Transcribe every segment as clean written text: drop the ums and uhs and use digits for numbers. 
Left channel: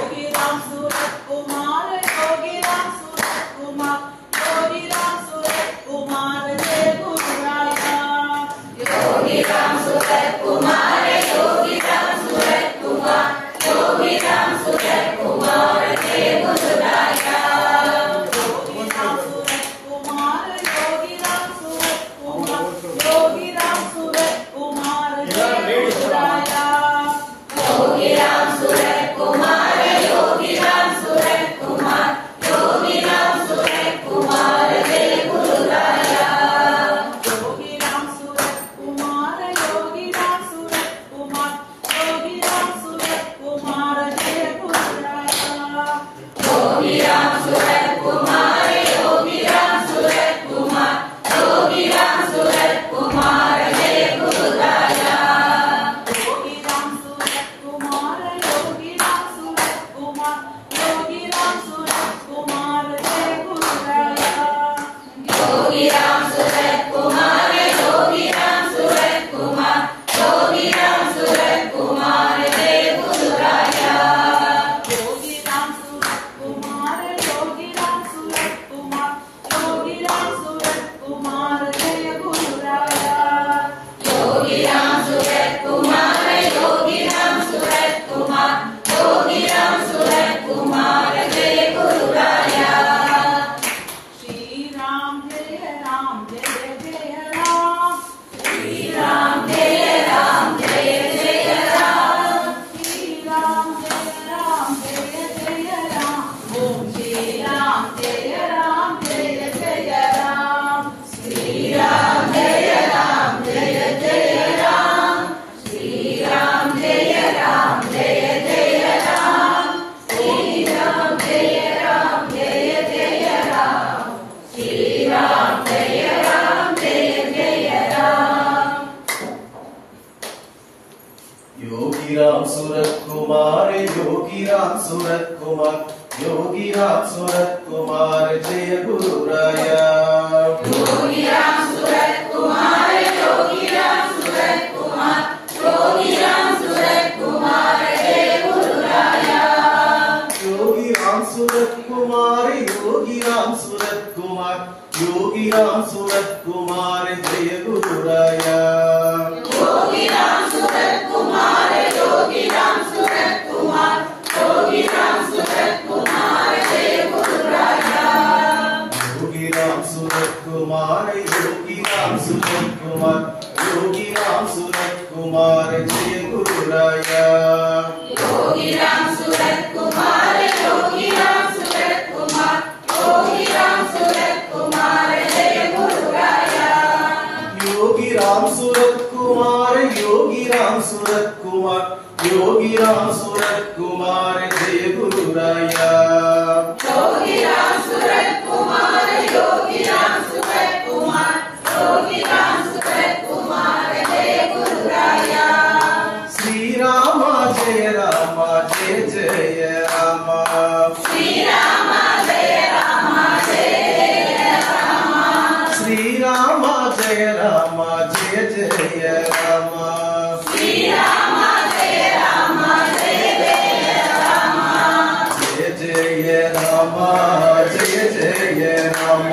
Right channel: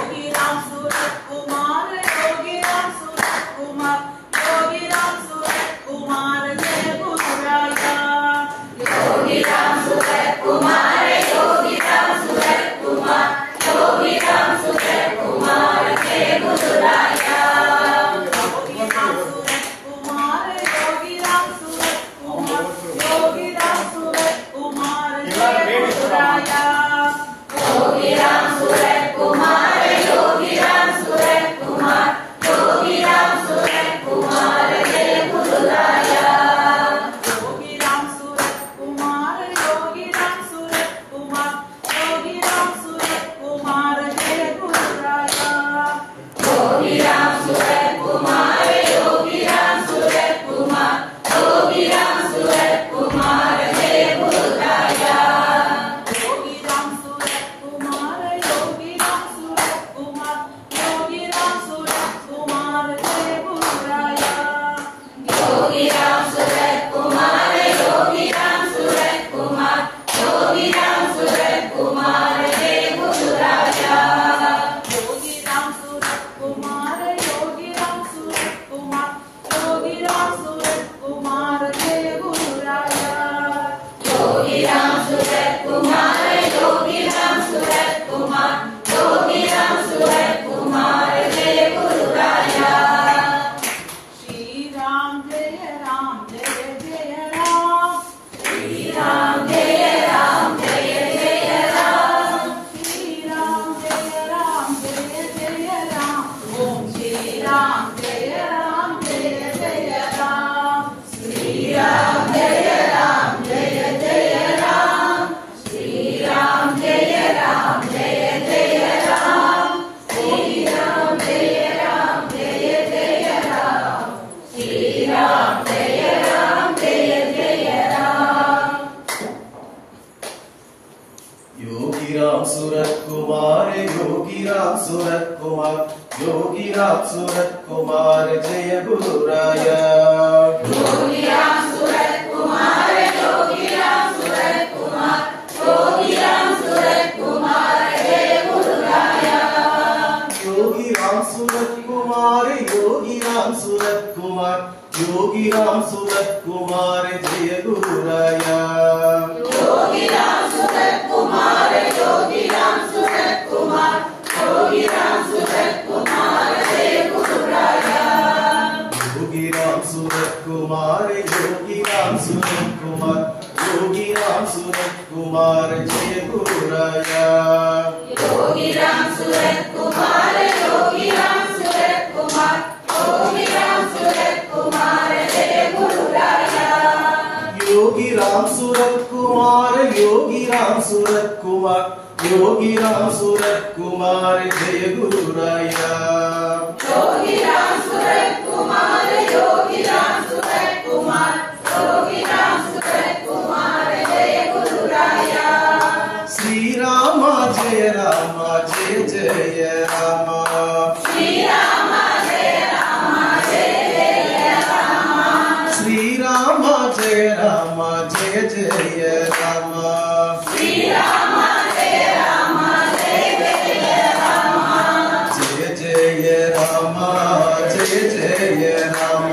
Yogi Ram Surat Kumar Yogi Ram Surat Kumar Yogi Ram Surat Kumar जय गुरु राया योगी राम सूरत कुमार योगी राम सूरत कुमार योगी राम सूरत कुमार जय गुरु राया योगी राम सूरत कुमार योगी राम सूरत कुमार योगी राम सूरत कुमार जय गुरु राया योगी राम सूरत कुमार योगी राम सूरत कुमार योगी राम सूरत कुमार जय गुरु राया योगी राम सूरत कुमार योगी राम सूरत कुमार योगी राम सूरत कुमार जय गुरु राया योगी राम सूरत कुमार योगी राम सूरत कुमार योगी राम सूरत कुमार जय गुरु राया योगी राम सूरत कुमार योगी राम सूरत कुमार योगी राम सूरत कुमार जय गुरु राया योगी राम सूरत कुमार योगी राम सूरत कुमार योगी राम सूरत कुमार जय गुरु राया श्री राम जय जय राम श्री राम जय राम श्री राम जय जय राम श्री राम जय राम जय जय राम जय जय राम जय जय राम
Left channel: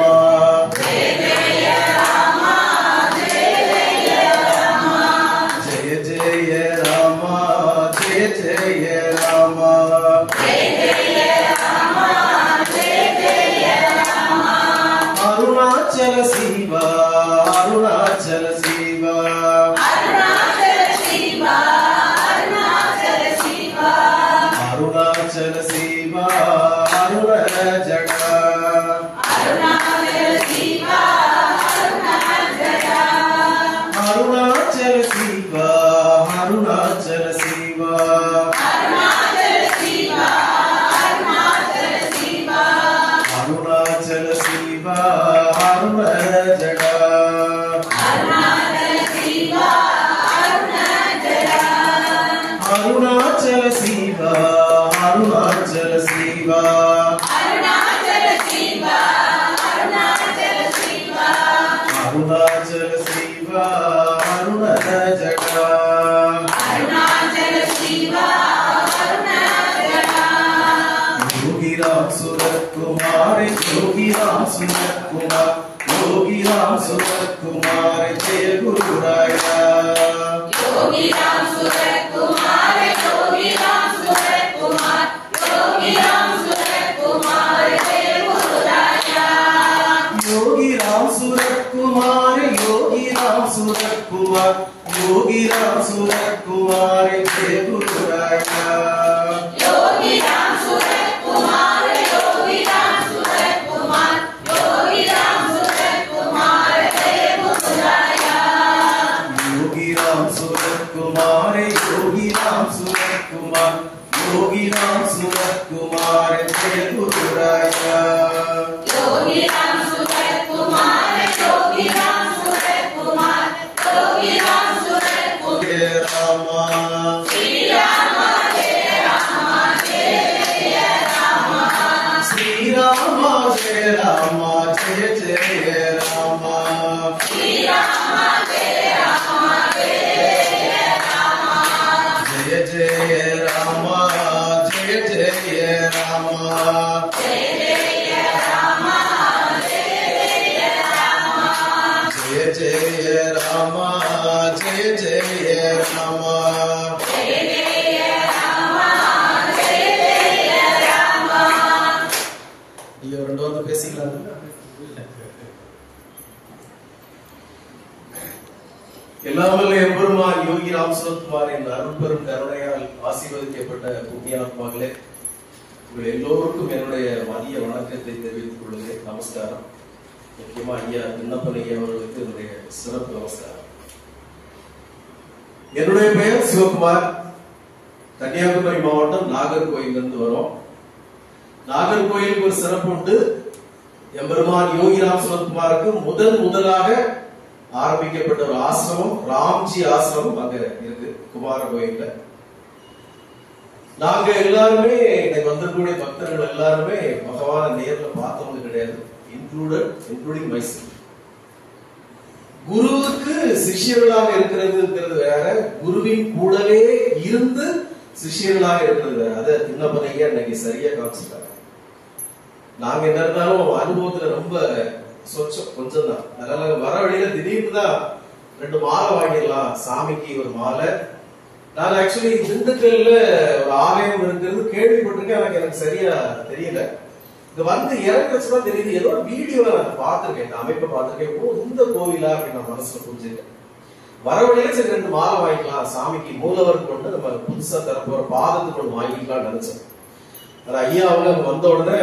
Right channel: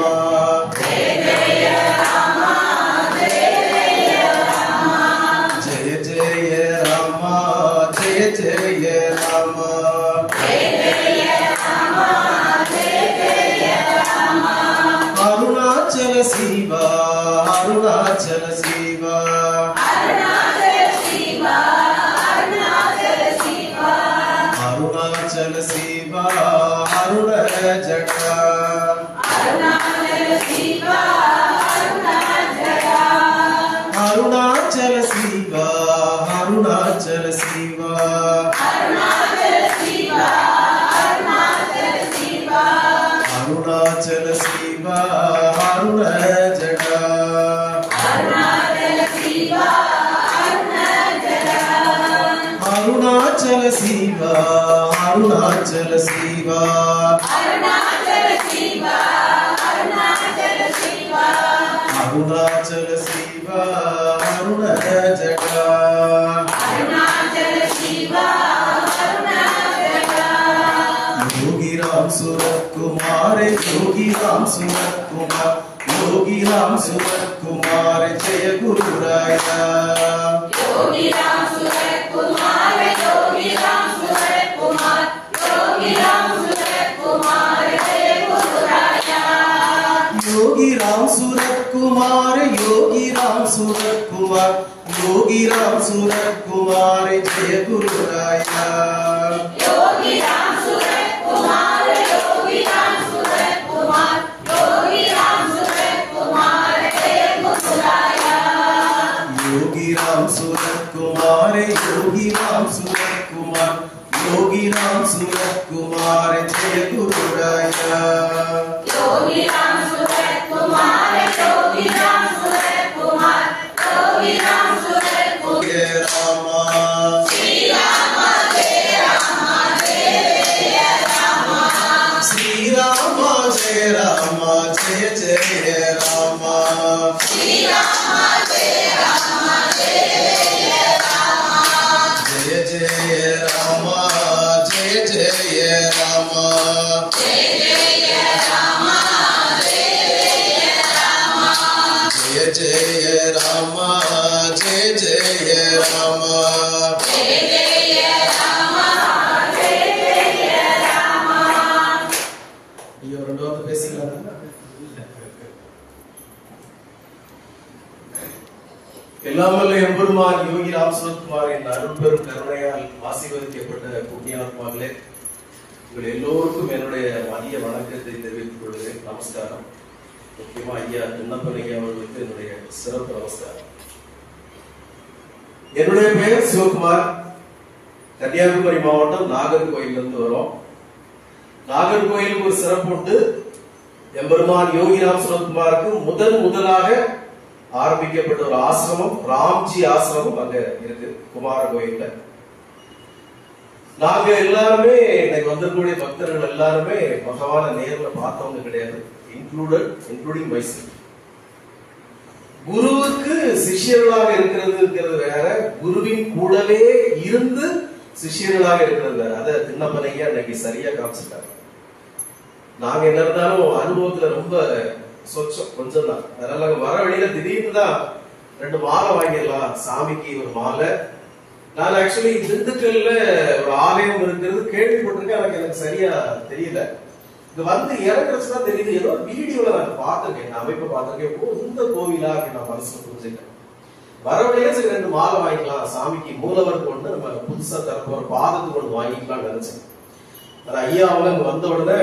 जय जय राम जय जय राम अरुणाचल शिवा अरुणाचल शिवा अरुणाचल शिवा अरुण जटा अरुणाचल शिवा अरुणाचल शिवा अरुणाचल शिवा अरुण जटा अरुणाचल शिवा अरुणाचल शिवा अरुणाचल शिवा अरुण जटा योगी राम सूरत कुमार योगी राम सूरत कुमार योगी राम सूरत कुमार जय गुरु राया योगी राम सूरत कुमार योगी राम सूरत कुमार योगी राम सूरत कुमार जय गुरु राया योगी राम सूरत कुमार योगी राम सूरत कुमार योगी राम सूरत कुमार जय गुरु राया योगी राम सूरत कुमार योगी राम सूरत कुमार योगी राम सूरत कुमार जय गुरु राया योगी राम सूरत कुमार योगी राम सूरत कुमार योगी राम सूरत कुमार जय गुरु राया योगी राम सूरत कुमार योगी राम सूरत कुमार योगी राम सूरत कुमार जय राम श्री राम जय राम श्री राम जय जय राम श्री राम जय जय जय राम जय जय राम जय जय राम जय जय राम जय जय राम ஐயோ ரெண்டு வாரம் பேசிக்கலாம். எல்லாம் வல்ல எம்பெருமான் யோகி ராம் சுரத்குமாரின் அருட்பெரும் கருணையால் ஆசீர்வதிக்கப்பட்ட புண்ணியாத்மாக்களே, உங்கள் எல்லோருக்கும் என்னுடைய மதிய வணக்கத்தை தெரிவித்துக் கொள்கிறேன். நமஸ்காரம். முக்கியமா ஐயா விண்ணப்பலிங்க அவர்களுக்கு என்னுடைய சிறப்பு நமஸ்காரம். என்னுடைய பெயர் சிவகுமார். கன்னியாகுமரி மாவட்டம் நாகர்கோயிலிருந்து வரோம். நாகர்கோயிலுக்கு ஒரு சிறப்பு உண்டு. எம்பெருமான் யோகி ராம் சுரத்குமாருக்கு முதலாக ஆரம்பிக்கப்பட்ட ஒரு ஆசிரமம் ராம்ஜி ஆசிரமம் அங்க இருக்கு குமார கோயில்ல. நாங்க எல்லாருமே இன்னைக்கு வந்திருக்கக்கூடிய பக்தர்கள் எல்லாருமே பகவான நேர்ல பார்த்தவங்க கிடையாது, இன்க்ளூடிங் மைசெல்ஃப். குருவுக்கு சிஷ்யர்களாக இருக்கிறது வேற, குருவின் கூடவே இருந்து சிஷ்யர்களாக இருக்கிறது வேற. அதை திண்ணப்பனையா இன்னைக்கு சரியா காமிச்சிட்டாங்க. நாங்க என்ன இருந்தாலும் அனுபவத்துல ரொம்ப சொச்சம் கொஞ்சம் தான். அதனால வர வழியில திடீர்னு தான் 2 மாலை வாங்கிடலாம், சாமிக்கு ஒரு மாலை. நான் ஆக்சுவலி திண்டுக்கல்ல ஒரு ஆலயம் இருக்கிறது கேள்விப்பட்டிருக்கேன், எனக்கு சரியா தெரியல. இது வந்து இறங்குறதுதான் தெரியுது, ஏதோ வீடியோல நான் பார்த்திருக்கேன், அமைப்பை பார்த்திருக்கேன். ஓ, இந்த கோவிலா நான் மனசுல புரிஞ்சுட்டேன். வரவழையே சரி 2 மாலை வாங்கிக்கலாம், சாமிக்கு மூலவருக்கு ஒன்று, நம்ம புதுசா தரப்போற பாதத்துக்கு ஒன்று வாங்கிக்கலாம் நினைச்சேன். ஆனா ஐயா அவங்க வந்த உடனே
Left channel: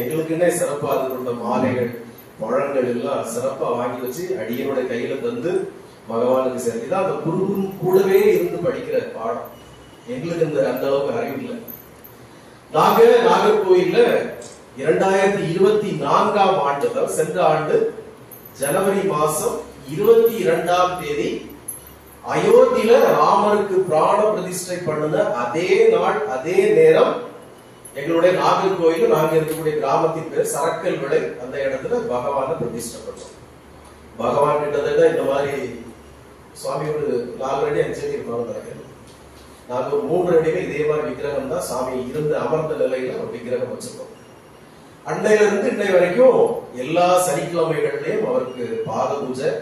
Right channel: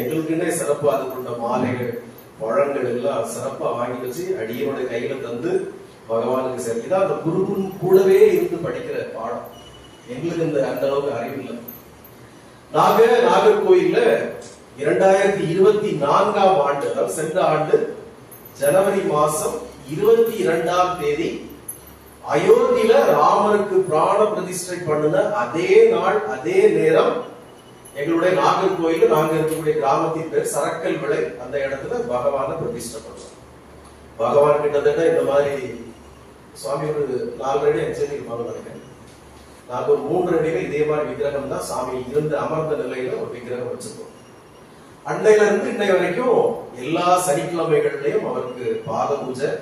எங்களுக்குன்னே சிறப்பா அது கொண்ட மாலைகள் பழங்கள் எல்லாம் சிறப்பா வாங்கி வச்சு அடியோட கையில தந்து பகவானுக்கு சரி. இதான் அந்த குருவும் கூடவே இருந்து படிக்கிற பாடம். எங்களுக்கு அந்த அளவுக்கு அறிவு இல்லை. நாங்க நாகர்கோயில்ல 2024ஆம் ஆண்டு, அதாவது சென்ற ஆண்டு ஜனவரி மாசம் 22ஆம் தேதி அயோத்தியில ராமருக்கு பிராண பிரதிஷ்டை பண்ணின அதே நாள் அதே நேரம் எங்களுடைய நாகர்கோயில், நாங்க இருக்கக்கூடிய கிராமத்தின் பேர் சரக்கல் விளை, அந்த இடத்துல பகவான பிரதிஷ்டை பண்ணோம். பகவான் கிட்டத்தட்ட இந்த மாதிரி சுவாமி ஒரு 4 அடி 5 அடி இருப்பாங்க நினைக்கிறேன். நாங்க ஒரு 3 அடிகள் இதே மாதிரி விக்கிரகம் தான் சாமி இருந்த அமர்ந்த நிலையில ஒரு விக்கிரகம் வச்சிருக்கோம். அன்னையில இருந்து இன்னை வரைக்கும் எல்லா சனிக்கிழமைகள்லயும் அவருக்கு பாத பூஜை,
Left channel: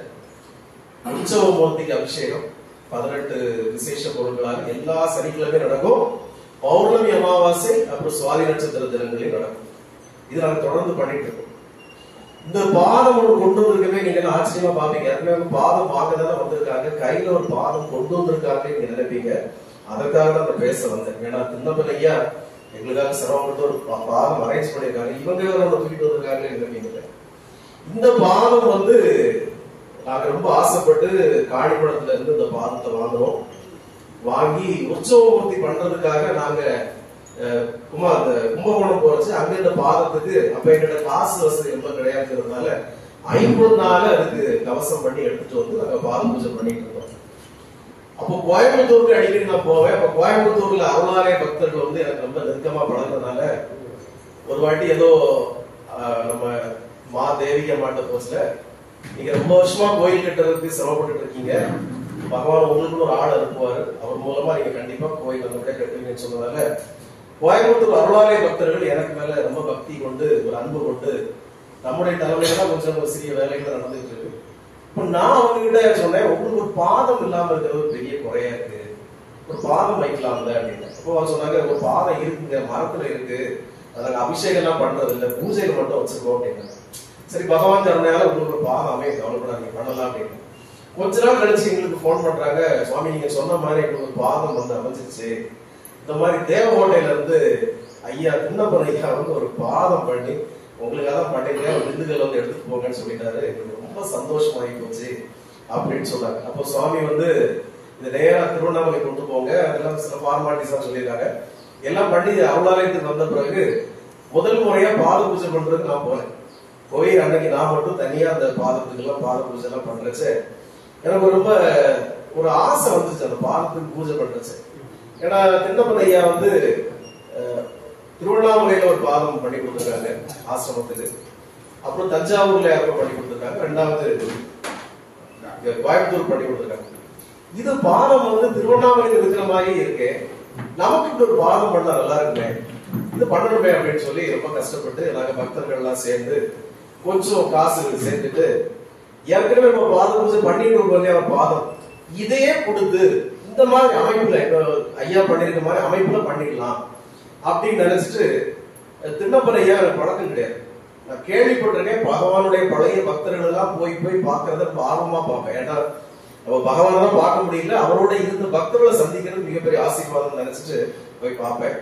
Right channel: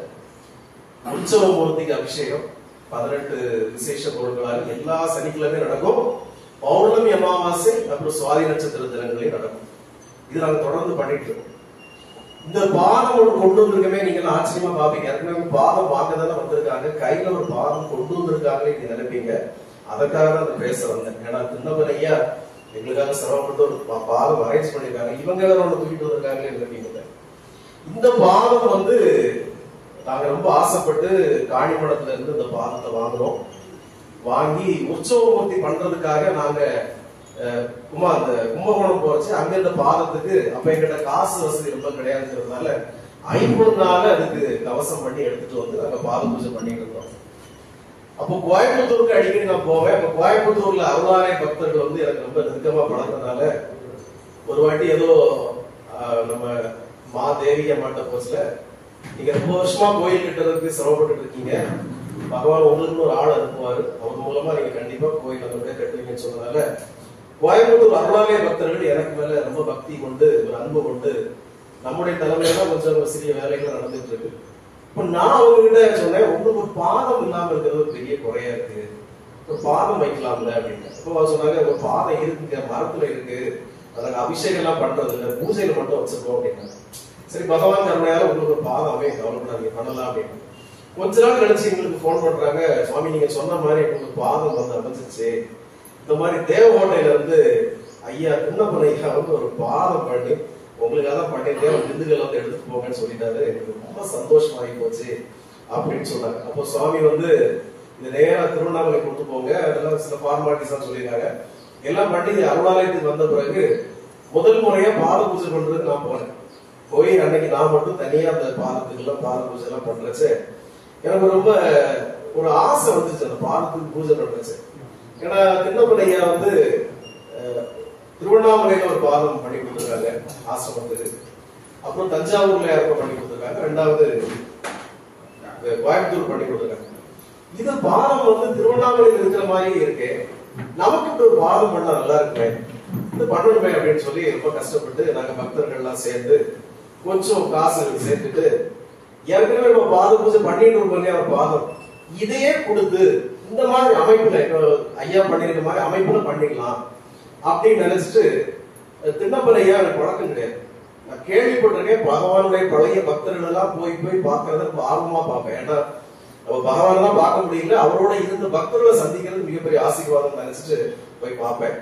உற்சவமூர்த்திக்கு அபிஷேகம், 18 விசேஷ பொருட்களாக எல்லா சனிக்கிழமையும் நடக்கும். பௌர்ணமி அமாவாசை அப்புறம் சுவாதி நட்சத்திர தினங்களையும் நடக்கும். இது நாங்க தொடர்ந்து பண்ணிட்டு இருக்கோம். இந்த பாதம் ஒன்று கொண்டு வந்திருக்கவே நீங்க ஆச்சரியமா பாப்பீங்க. ஏற்கனவே பாதம் வாங்கதானே வந்திருக்காங்க, கையில ஒரு பாதம் கொண்டு வந்திருக்காங்க நீங்க நினைப்பீங்க. அதற்காக அந்த பேச வந்தேன். ஏன்னா திண்ணப்பனையா எங்களுக்காக சிரமப்பட்டு ஒரு பாதம் அரேஞ்ச் பண்ணிருக்காங்க, இவங்க வேற ஒன்று தூக்கிட்டு வந்திருக்காங்க நினைப்பீங்க. இந்த பாதம் வந்து நாங்க ரொம்ப ஆசைப்பட்டு காணிமடத்துல இருந்து இந்த பாதத்தை வாங்கினோம். வாங்கி உற்சவமூர்த்தி பண்றதுக்காக நாங்க அந்த கும்பகோணம் போறச்சு. அங்க இந்த பாதத்துக்கு அப்ப எங்கிட்ட காசு வசதி ரொம்ப கிடையாதுங்கிறதுனால 50 நாள் அதுக்கு கவசம் பண்ணி எடுத்துட்டு வந்து நாங்க பாத பூஜை பண்ணிட்டு இருந்தோம். அப்போ கோயம்புத்தூருக்கு அடிக்கடி நான் போவேன். அப்ப கோயம்புத்தூர்ல அருளாலய பக்தர்கள் வந்து எனக்கு ரொம்ப நெருக்கமா பழகிறதுனால ஒரு வாட்டி ஏதோ நம்ம மா தேவி அம்மாட்ட போச்சுல, நீங்க ரொம்ப வருஷமா கோயில் கட்டுறதுக்கு சிரமப்பட்டு இருக்கீங்க, பகவான் உங்களுக்கு ஒரு ஆள் அனுப்புவாரு, அவர் மூலமா நீங்க கண்டிப்பா கோயில் வந்து கட்டுவீங்கன்னு சொன்னதால கோயம்புத்தூர் அருளாலய பக்தர்கள் எனக்கு மேல ரொம்ப பக்தி கொண்டு ஒரு அன்பு கொண்டு நம்முடைய தலைமையில கொஞ்சம் சிறிய வேலைகள் நடந்துட்டு இருக்கு. இப்ப நான் அவங்க கிட்ட சொன்னேன், உங்களுக்கு ஒரு பாதம் இல்லாம இருக்கிறது ஒரு பெரிய குறையா இருக்கு, ஒரு பாதம் வைக்கலாம்ல அப்படின்னு. அப்போ சொன்னாங்க, ஒரு பாதம் இருக்குங்க, மரத்துல இருக்கு, அதுக்கு அபிஷேகம் எல்லாம் பண்றது இல்ல, பூஜையில மட்டும் வச்சிருக்கோம் அப்படின்னா. சரி, பகவான் கருணையால உங்களுக்கு ஒரு பாதம் அமைய கவலைப்படாதீங்க, பண்ணலாம் அப்படின்னு. கொஞ்ச நாள் கழிச்சு எங்களுக்கு போன் பண்றாங்க, சுவாமி நீங்க சொன்ன மாதிரி எங்களுக்கு பாதம் வந்து அமைச்சிருச்சு, இந்த மாதிரி தேவகோட்டையில இருந்து ஐயா திண்ணப்பன் ஐயா வந்து ஒரு பாதம் பண்ணி உங்களுக்காக தான் பண்ணிருக்கேன், திண்டுக்கல்ல வந்து எடுத்துட்டு போங்கன்னு சொல்லிட்டாரு. எங்களுக்கு ரொம்ப சந்தோஷமாகி போச்சு அப்படின்னு சொன்னாங்க. அப்போ சுவாமி வந்து இது நேரா திருவண்ணாமலை கொண்டு போங்க, அதெல்லாம் சில ஃபார்மாலிட்டிஸ் எல்லாம் சொல்லியிருக்காங்க. எல்லாம் பண்ணி அருளாலயத்துக்கு வந்த பிறகு முதல் முறையா பாத பூஜை பண்றதுக்கு நான் போனேன். போய் அன்னைக்கு நான் மட்டும் தனியா அந்த பாதத்துக்கு எல்லாம் பாத பூஜை எல்லாம் பண்றச்சு எனக்கு ரொம்ப ஒரு ஆசை வந்துச்சு அந்த பாதத்துக்கு பூஜை பண்றச்சு. ஏன்னா திண்ணப்பன் ஐயா வந்து திருவண்ணாமலையில ஒரு பாதம் பண்ணி கொடுத்துருக்காங்க ஆசிரமத்துக்கு, அப்புறம் தஞ்சாவூர்ல யாருக்கும் பண்ணி கொடுத்துருக்காங்க, 2வது கோயம்புத்தூர் பண்ணி கொடுத்துருக்காங்க. இது பாதம் வந்து திருவண்ணாமலையில் இருக்கிற மாதிரி இருக்கு, நமக்கு ஒரு பாதம் பண்ணா நல்லா இருக்குமே, இது பண்ணணுமே அப்படின்னு சொல்லி ரொம்ப கஷ்டப்பட்டு நாங்க பக்தர்கள் எல்லாம் சேர்ந்து கொஞ்சம் காசு சேர்த்துட்டு ஏற்கனவே நம்ம பாத பூஜை பண்ணிட்டு இருக்கோம், பாதம் இதே கொடுத்து இந்த மாதிரி அமைப்புல ஐயா பண்ணிருக்க மாதிரி அமைப்புல பண்ணிடலாம் அப்படின்னு நினைச்சிட்டு திண்ணப்பன் ஐயா எனக்கு பழக்கம் கிடையாது. நான் கேள்விப்பட்டிருக்கேன், பகவானுடைய பழைய பக்தர்கள் எல்லாம் போய் போய் பார்க்கறத ஆர்வமா பார்ப்பேன். ஏன்னா நம்ம பகவானை தான் பார்க்க முடியல, அவரோட இருந்த பக்தர்களை சந்திக்கிறது மிகப்பெரிய ஆசீர்வாதம் நினைச்சிட்டு போய் பார்ப்பேன்.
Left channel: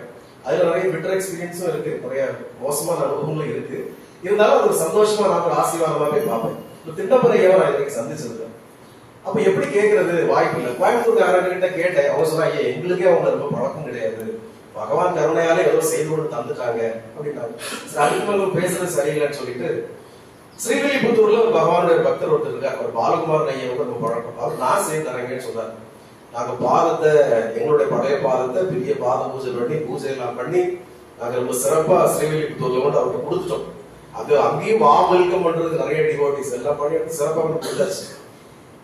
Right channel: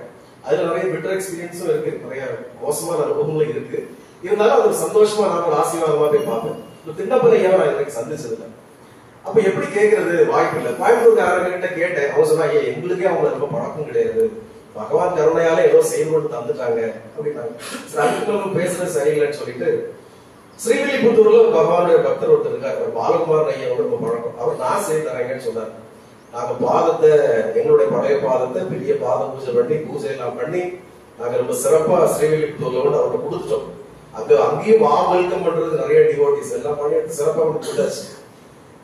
அதுல நிறைய பெட்டர் எக்ஸ்பீரியன்ஸும் இருக்கு, நிறைய மோசமான அனுபவங்களும் இருக்கு. இருந்தாலும் அது ஒரு சந்தோஷமா நான் ஆசீர்வாதமா போய் பார்ப்பேன். திண்ணப்பன் ஐயாவை நான் இதுவரைக்கும் சந்திச்சது இல்லை. அப்ப எப்படி கேட்கறது, வாய்ப்பு இல்லை. கோயம்புத்தூர்காரங்கிட்ட கேட்டேன், அவங்க சொன்னா ஐயா எங்களுக்கே அவங்க ரொம்ப பழக்கம் கிடையாது, பகவான் கருணையால ஏதோ செயல் கொண்டு தந்துட்டாங்க அப்படின்னாங்க. அதுக்கு பேசுறது சரியில்லைன்னு சொல்லிட்டு ஸ்ரீவில்லிபுத்தூர்ல பகவானுடைய பக்தர் ஒருத்தர் இருக்காரு, அவர் பாலகுமார் ஐயாவோட ரொம்ப பழக்கம், அவர் நான் செய்து தரேங்கன்னு சொன்னார். நாங்க பாதத்தை, எங்களுடைய பழைய பாதத்தை பெரிய பாத பூஜை பண்ணி பூஜை எல்லாம் பண்ணி நாங்க ரொம்ப சிறப்பா ஸ்ரீவில்லிபுத்தூர்ல கொண்டு அவர்கிட்ட கொடுத்துட்டோம். அங்கேயும் வெல்கம் பண்றது நிறைய டிவோட்டிஸ் எல்லாம் பண்ணிட்டு சிறப்பா கொடுத்தாச்சு.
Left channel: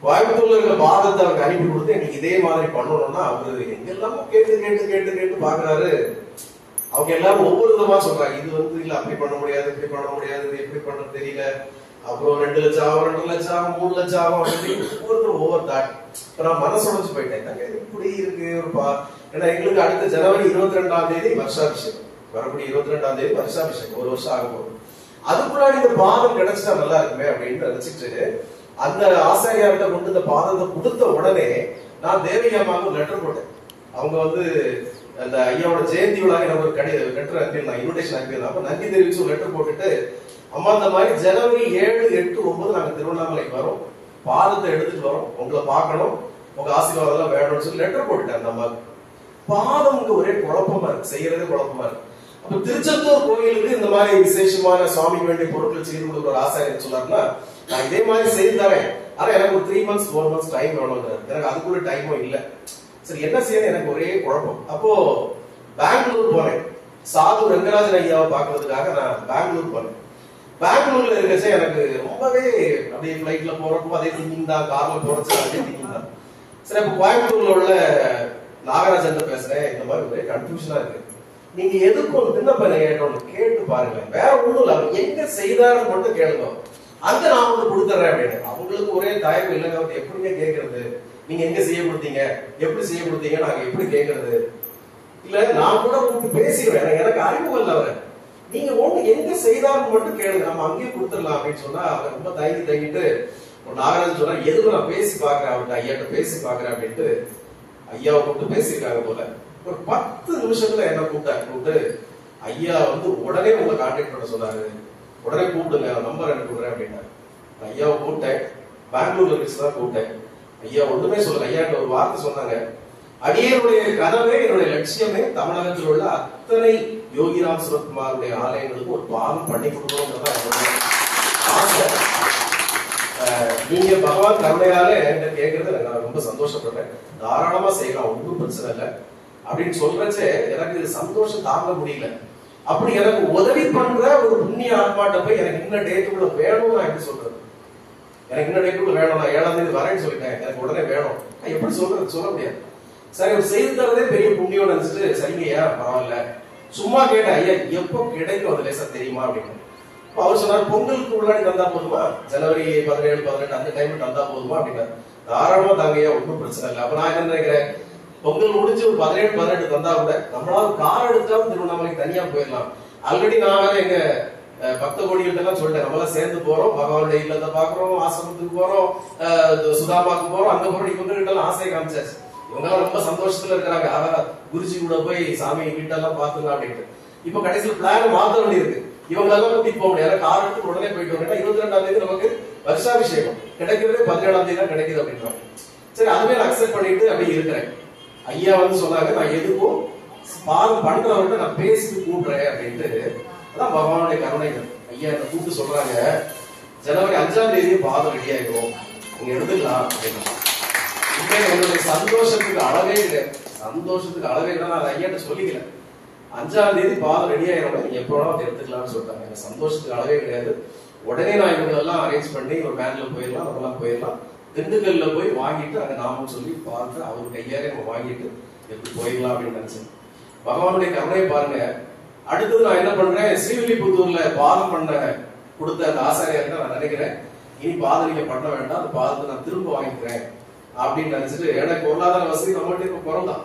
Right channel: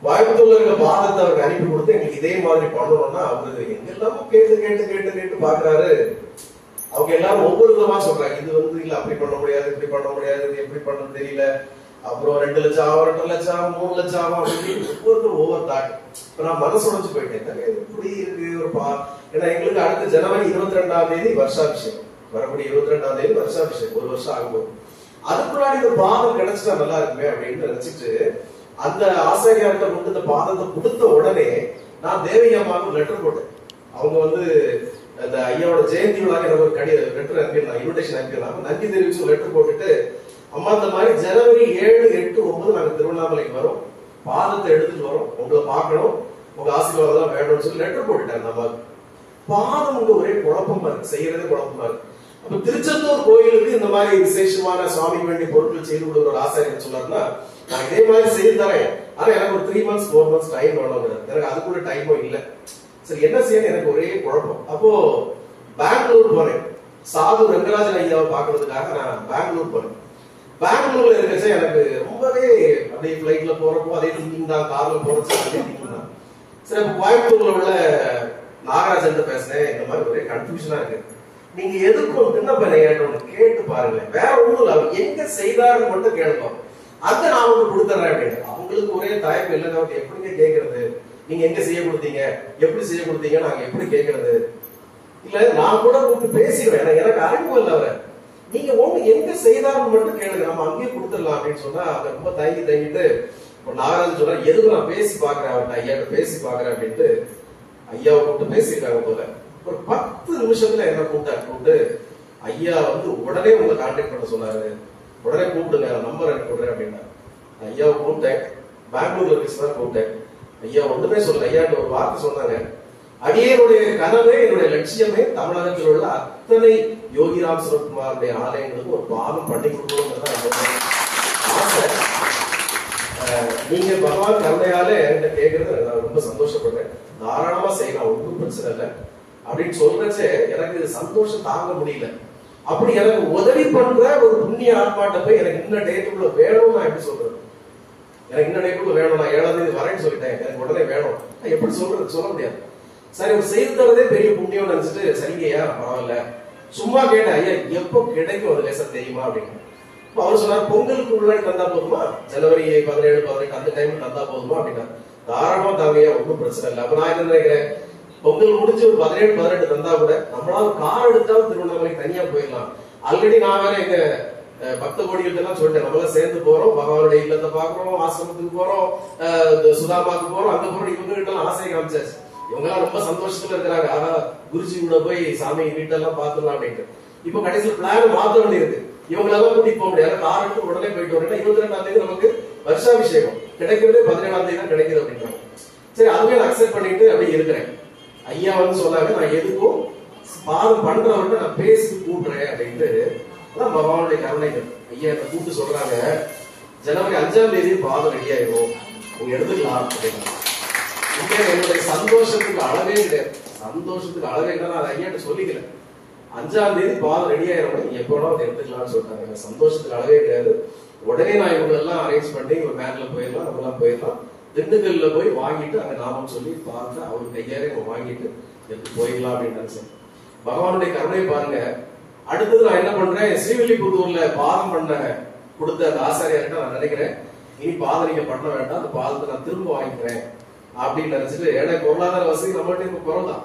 கோயம்புத்தூர்ல இருக்கிற பாதத்தை அவருக்கு அனுப்பி கொடுத்து எங்களுக்கு இதே மாதிரி பண்ணணும்னா அவரு எங்கெல்லாமோ கேட்டு கேட்டு கேட்டு கேட்டு பாக்குறாரு. அவங்க எல்லாரும் ஒவ்வொரு விதமா சொல்றாங்க, இது இல்ல அப்படி பண்ண முடியாது, இப்படி பண்ண முடியாது, இது எப்படி பண்ண தெரியல, அப்புறம் 2 லட்சம் ஆகும், 2 லட்சம் ஆகும், 3 லட்சம் ஆகும் அப்படின்னு ஒவ்வொருத்தரும் ஒவ்வொரு தாட். இப்ப நான் மனசு உடைஞ்சு போயிட்டேன், இப்படி இருக்கு ஒரு ஏன்னா எங்களுக்கு அடுத்த ஜனவரி 22ஆம் தேதி வருஷாபிஷேகம், வரக்கூடிய 22ஆம் தேதி வருஷாபிஷேகம், 1 வருஷம் ஆகும். அதுக்கு முன்னாடி இந்த பாதம் கிடைச்சிட்டா நல்லா இருக்குமே அப்படின்னு நினைச்சிட்டு அந்த ஆசாரியார்கிட்ட கொண்டு இந்த பாதத்தை கொடுத்த உடனே நான் தேவகி அம்மாவுக்கு லெட்டர் போட்டேன். அவங்க அந்த ஐயாவோட ஜெயந்தி விழா எனக்கு ஒரு லெட்டர் அனுப்பியிருந்தாங்க, இன்விடேஷன் அனுப்பியிருந்தாங்க. நன்றி தெரிவிச்சு லெட்டர் போட்டுட்டு, அம்மா இந்த மாதிரி ஜனவரி 7, 8, 9 நாங்க திருவண்ணாமலைக்கு வரோம், பாதத்தை எடுத்துட்டு வரோம், உங்களை பார்க்கணும், உங்க ஆசீர்வாதம் எல்லாம் வேணும்னு சொல்லி லெட்டர் போட்டுட்டாங்க. நம்ம பாதம் ஒரே குழப்பமா இருக்கு, செய்யறதே குழப்பமா இருக்கு. அப்ப திருச்செந்தூர் கோயிலுக்கு இந்த மாதிரி விசேஷமான சுவாமிக்கு வேண்டிய பொருட்கள் செய்து கொடுக்குற ஒரு ஆசாரியர் சொன்னாருன்னா, நான் இதே மாதிரி செய்து தரேன், ஆனா எனக்கு ஒரு 3 months 4 months டைம் வேணுங்கிறது. எனக்கு அதுக்குள்ள டைமும் இல்லை. சரி என்ன செய்யணும், எனக்கு ஒரே குழப்பம். அப்போ பெங்களூர் போனேன், சாது ரங்கராஜன் ஐயாவை பாக்குறதுக்காக நான் பெங்களூர் போனேன். பெங்களூர்ல இருக்கச்ச எனக்கு ரொம்பவே அப்படியே பிளைட்ல போறப்போ அதே திங்கிங் தான், கார்ல போறச்ச அதே திங்கிங் தான். சரி அப்ப கோயம்புத்தூர்ல உள்ள நாகராஜன் பேசுறேன், இந்த மாதிரி ஒரே கன்ஃபியூஷனா இருக்கு, நீங்க எதுக்கும் விண்ணப்பனை கேட்டு பாருங்க, வேற ஒண்ணும் இல்ல, அவர் எங்க செய்தாருன்னு மட்டும் கேளுங்க, அங்க நான் உங்களுக்கு கொடுத்துறேன் அப்படின்னு. அவங்களுக்கு ஒரே தயக்கம் இல்லைங்க, அவங்க எப்படிங்க கேட்கறது, நீங்க எங்க செய்ய கொடுத்தீங்க, எப்படி செய்ய கொடுத்தீங்க, நாங்க எப்படி கேட்கறது, இல்ல நான் கூட உங்களுக்கு பேசிடுவேன், எனக்கு அறிமுகம் இல்லை அவரை, நீங்க ஒண்ணு எங்க செய்தாருன்னு மட்டும் கேளுங்க, நம்ம அங்கேயே கொடுத்துடலாம் அப்படின்னு சொன்னா அவர் ரொம்ப தயங்கிட்டு நாகராஜன் சொன்னா, எதுவும் நான் பேசி பாக்குறேன், அவர்கிட்ட ஐயாட்ட பேசி பாக்குறேன் அப்படின்ட்டு ஐயாவை கூப்பிட்டு பேசியிருக்காங்க போல. ஒரு 10 நிமிஷத்துல என்ன கூப்பிட்டு ஐயா உடனே உங்களை கான்டாக்ட் பண்ண சொன்னாரு, உடனே கூப்பிடுங்க, நம்பர் அனுப்பி விடுறேன் அப்படின்னா. ஐயாவை கூப்பிட்டேன், பெங்களூர்ல தான் கூப்பிட்டேன். ஐயா ஒண்ணுமே சொல்ல, ஐயாட்ட ஒரு வார்த்தை சொன்னாங்க, அடியனுடைய கனவே, என்னுடைய லட்சியமே தமிழகத்தில் உள்ள அத்தனை யோகிராம் சுரத்குமாருடைய ஆலயங்களுக்கு ஒரு பாகம் பண்ணி கொடுக்கணும்னு ஆசை. நீங்க பகவான் கருணையாலே கேட்கறது நான் ரொம்ப சந்தோஷப்படுறேன், தாராளமா செய்யலாம், ஒன்றும் பிரச்சனை இல்லை அப்படின்னு சொல்றச்சே எனக்கு சந்தோஷம் தாங்க முடியல. அப்படி எனக்கு உதவி பண்ற ஒரு புண்ணிய ஆத்மாட்ட போய் எனக்கு இன்னும் டேட்டுக்குள்ள வேணும், நான் எப்படி சொல்றது, எனக்கு இன்னும் டேட்டுக்குள்ள வேணும், நான் 7ஆம் தேதி வரேன்னு சொல்லிட்டேன், எனக்கு உடனே வேணும், எப்படி சொல்றது, சொல்ல முடியாது. சரி ஒரு செய்து தரதே பெரிய புண்ணியம் நினைச்சிட்டு, சரிங்கய்யா பரவாயில்ல, சும்மா கேட்டேன், ஐயா எப்போ கிடைக்கும் அது லேசா தெரியுமா அப்படின்னு. அவர் சொன்னார், பொங்கலுக்கு முன்னாடி தந்தா போதுமா, ஜனவரி 17, 18 அந்த டைம் தந்தா போதுமா அப்படின்னா. தாராளமா தாங்கய்யா, ஒன்றும் பிரச்சனை இல்லை. அப்ப நான் என்ன நினைக்கிறேன், பொங்கல் முடிஞ்சு ஒரு 17, 18 தந்தா கூட நம்மளால கார் எடுத்தாலும் திருவண்ணாமலைக்கு தனியா போயிடலாம். ஆல்ரெடி நான் வேற எங்க பக்த கோடிகள் எல்லாம் சொல்லிட்டேன், நம்மளாம் சேர்ந்து போறோம், பகவானுடைய இல்லத்தை பாக்குறோம், ஆசிரமத்துக்கு போறோம், சுதாமாக்கு போறோம், அங்க போறோம். இவங்க கிட்ட எல்லாம் ஆசையை காமிச்சாச்சு, இவங்க எல்லாம் ரொம்ப சந்தோஷத்துல இருக்கிறாங்க, குருஜி கூட போய் சாமி வீட்டெல்லாம் பாத்துக்கலாம் அப்படின்ட்டு. இப்ப கடைசியில் பிளான் மாத்த வேண்டி இருக்கு, இவங்களெல்லாம் கூட்டிட்டு போக முடியாது, கார் எடுத்து உடனே போயிட்டு வரேன். 22ஆம் தேதி நமக்கு வருஷாபிஷேகம், கிடைக்கிறதே 17ஆம் தேதி தான் கிடைக்குது அப்படின்றாங்க. சரி அதுவே நான் அக்செப்ட் பண்ணிட்டு அப்படி இருக்கிறேன். ஐயா சொன்னாங்க, நான் எதுக்கும் பாதம் பண்றவர்கிட்ட நான் பேசி கூட்டுறேன் அப்படின்ட்டு. அதான் பகவானுடைய கருணைகள். ஐயா கூப்பிட்டு சொல்றாங்க, ஜனவரி 5ஆம் தேதி பாதம் ரெடி ஆயிடும், நீங்க எடுத்துக்கலாம் அப்படின்னா. என்னுடைய சந்தோஷத்துக்கு அளவே கிடையாது, சந்தோஷத்துக்கு அளவே கிடையாது. நான் ஐயாட்ட சொல்லிக்கல, 5ஆம் தேதி பாதம் ரெடி ஆயிரும், நீங்க எப்ப வேணாலும் எடுத்துக்கலாம்னு சொல்லிட்டாங்க. எனக்கு சந்தோஷத்துக்கு அளவே கிடையாது. உடனே நான் இவங்களெல்லாம் அரேஞ்ச் பண்ணி ஒரு வேன்ல போயிடலாம், நம்மளாம் போயிடலாம், திண்டுக்கல்ல போய் வாங்கிட்டு அங்க நாமம் சொல்லி பார்த்து அவர் கையாலே வாங்கிட்டு எப்படி போயிடலாம் அப்படின்னு நினைச்சேன். பகவானுடைய கருணை பாருங்க. அடுத்தது நான் என்ன பண்றேன், ஸ்ரீவில்லிபுத்தூர்ல பாதம் பண்ண கொடுத்த அந்த ஆசாரியார்கிட்ட நான் நினைக்கிறேன், இனி பாதம் நீங்க பண்ண வேண்டாம், அந்த பாதத்தை நான் திரும்ப வாங்கிக்கிறேன் அப்படின்னு நினைச்சிட்டு. எனக்கு பொருளாதார வசதி நம்மகிட்ட இப்ப குறவுதான்,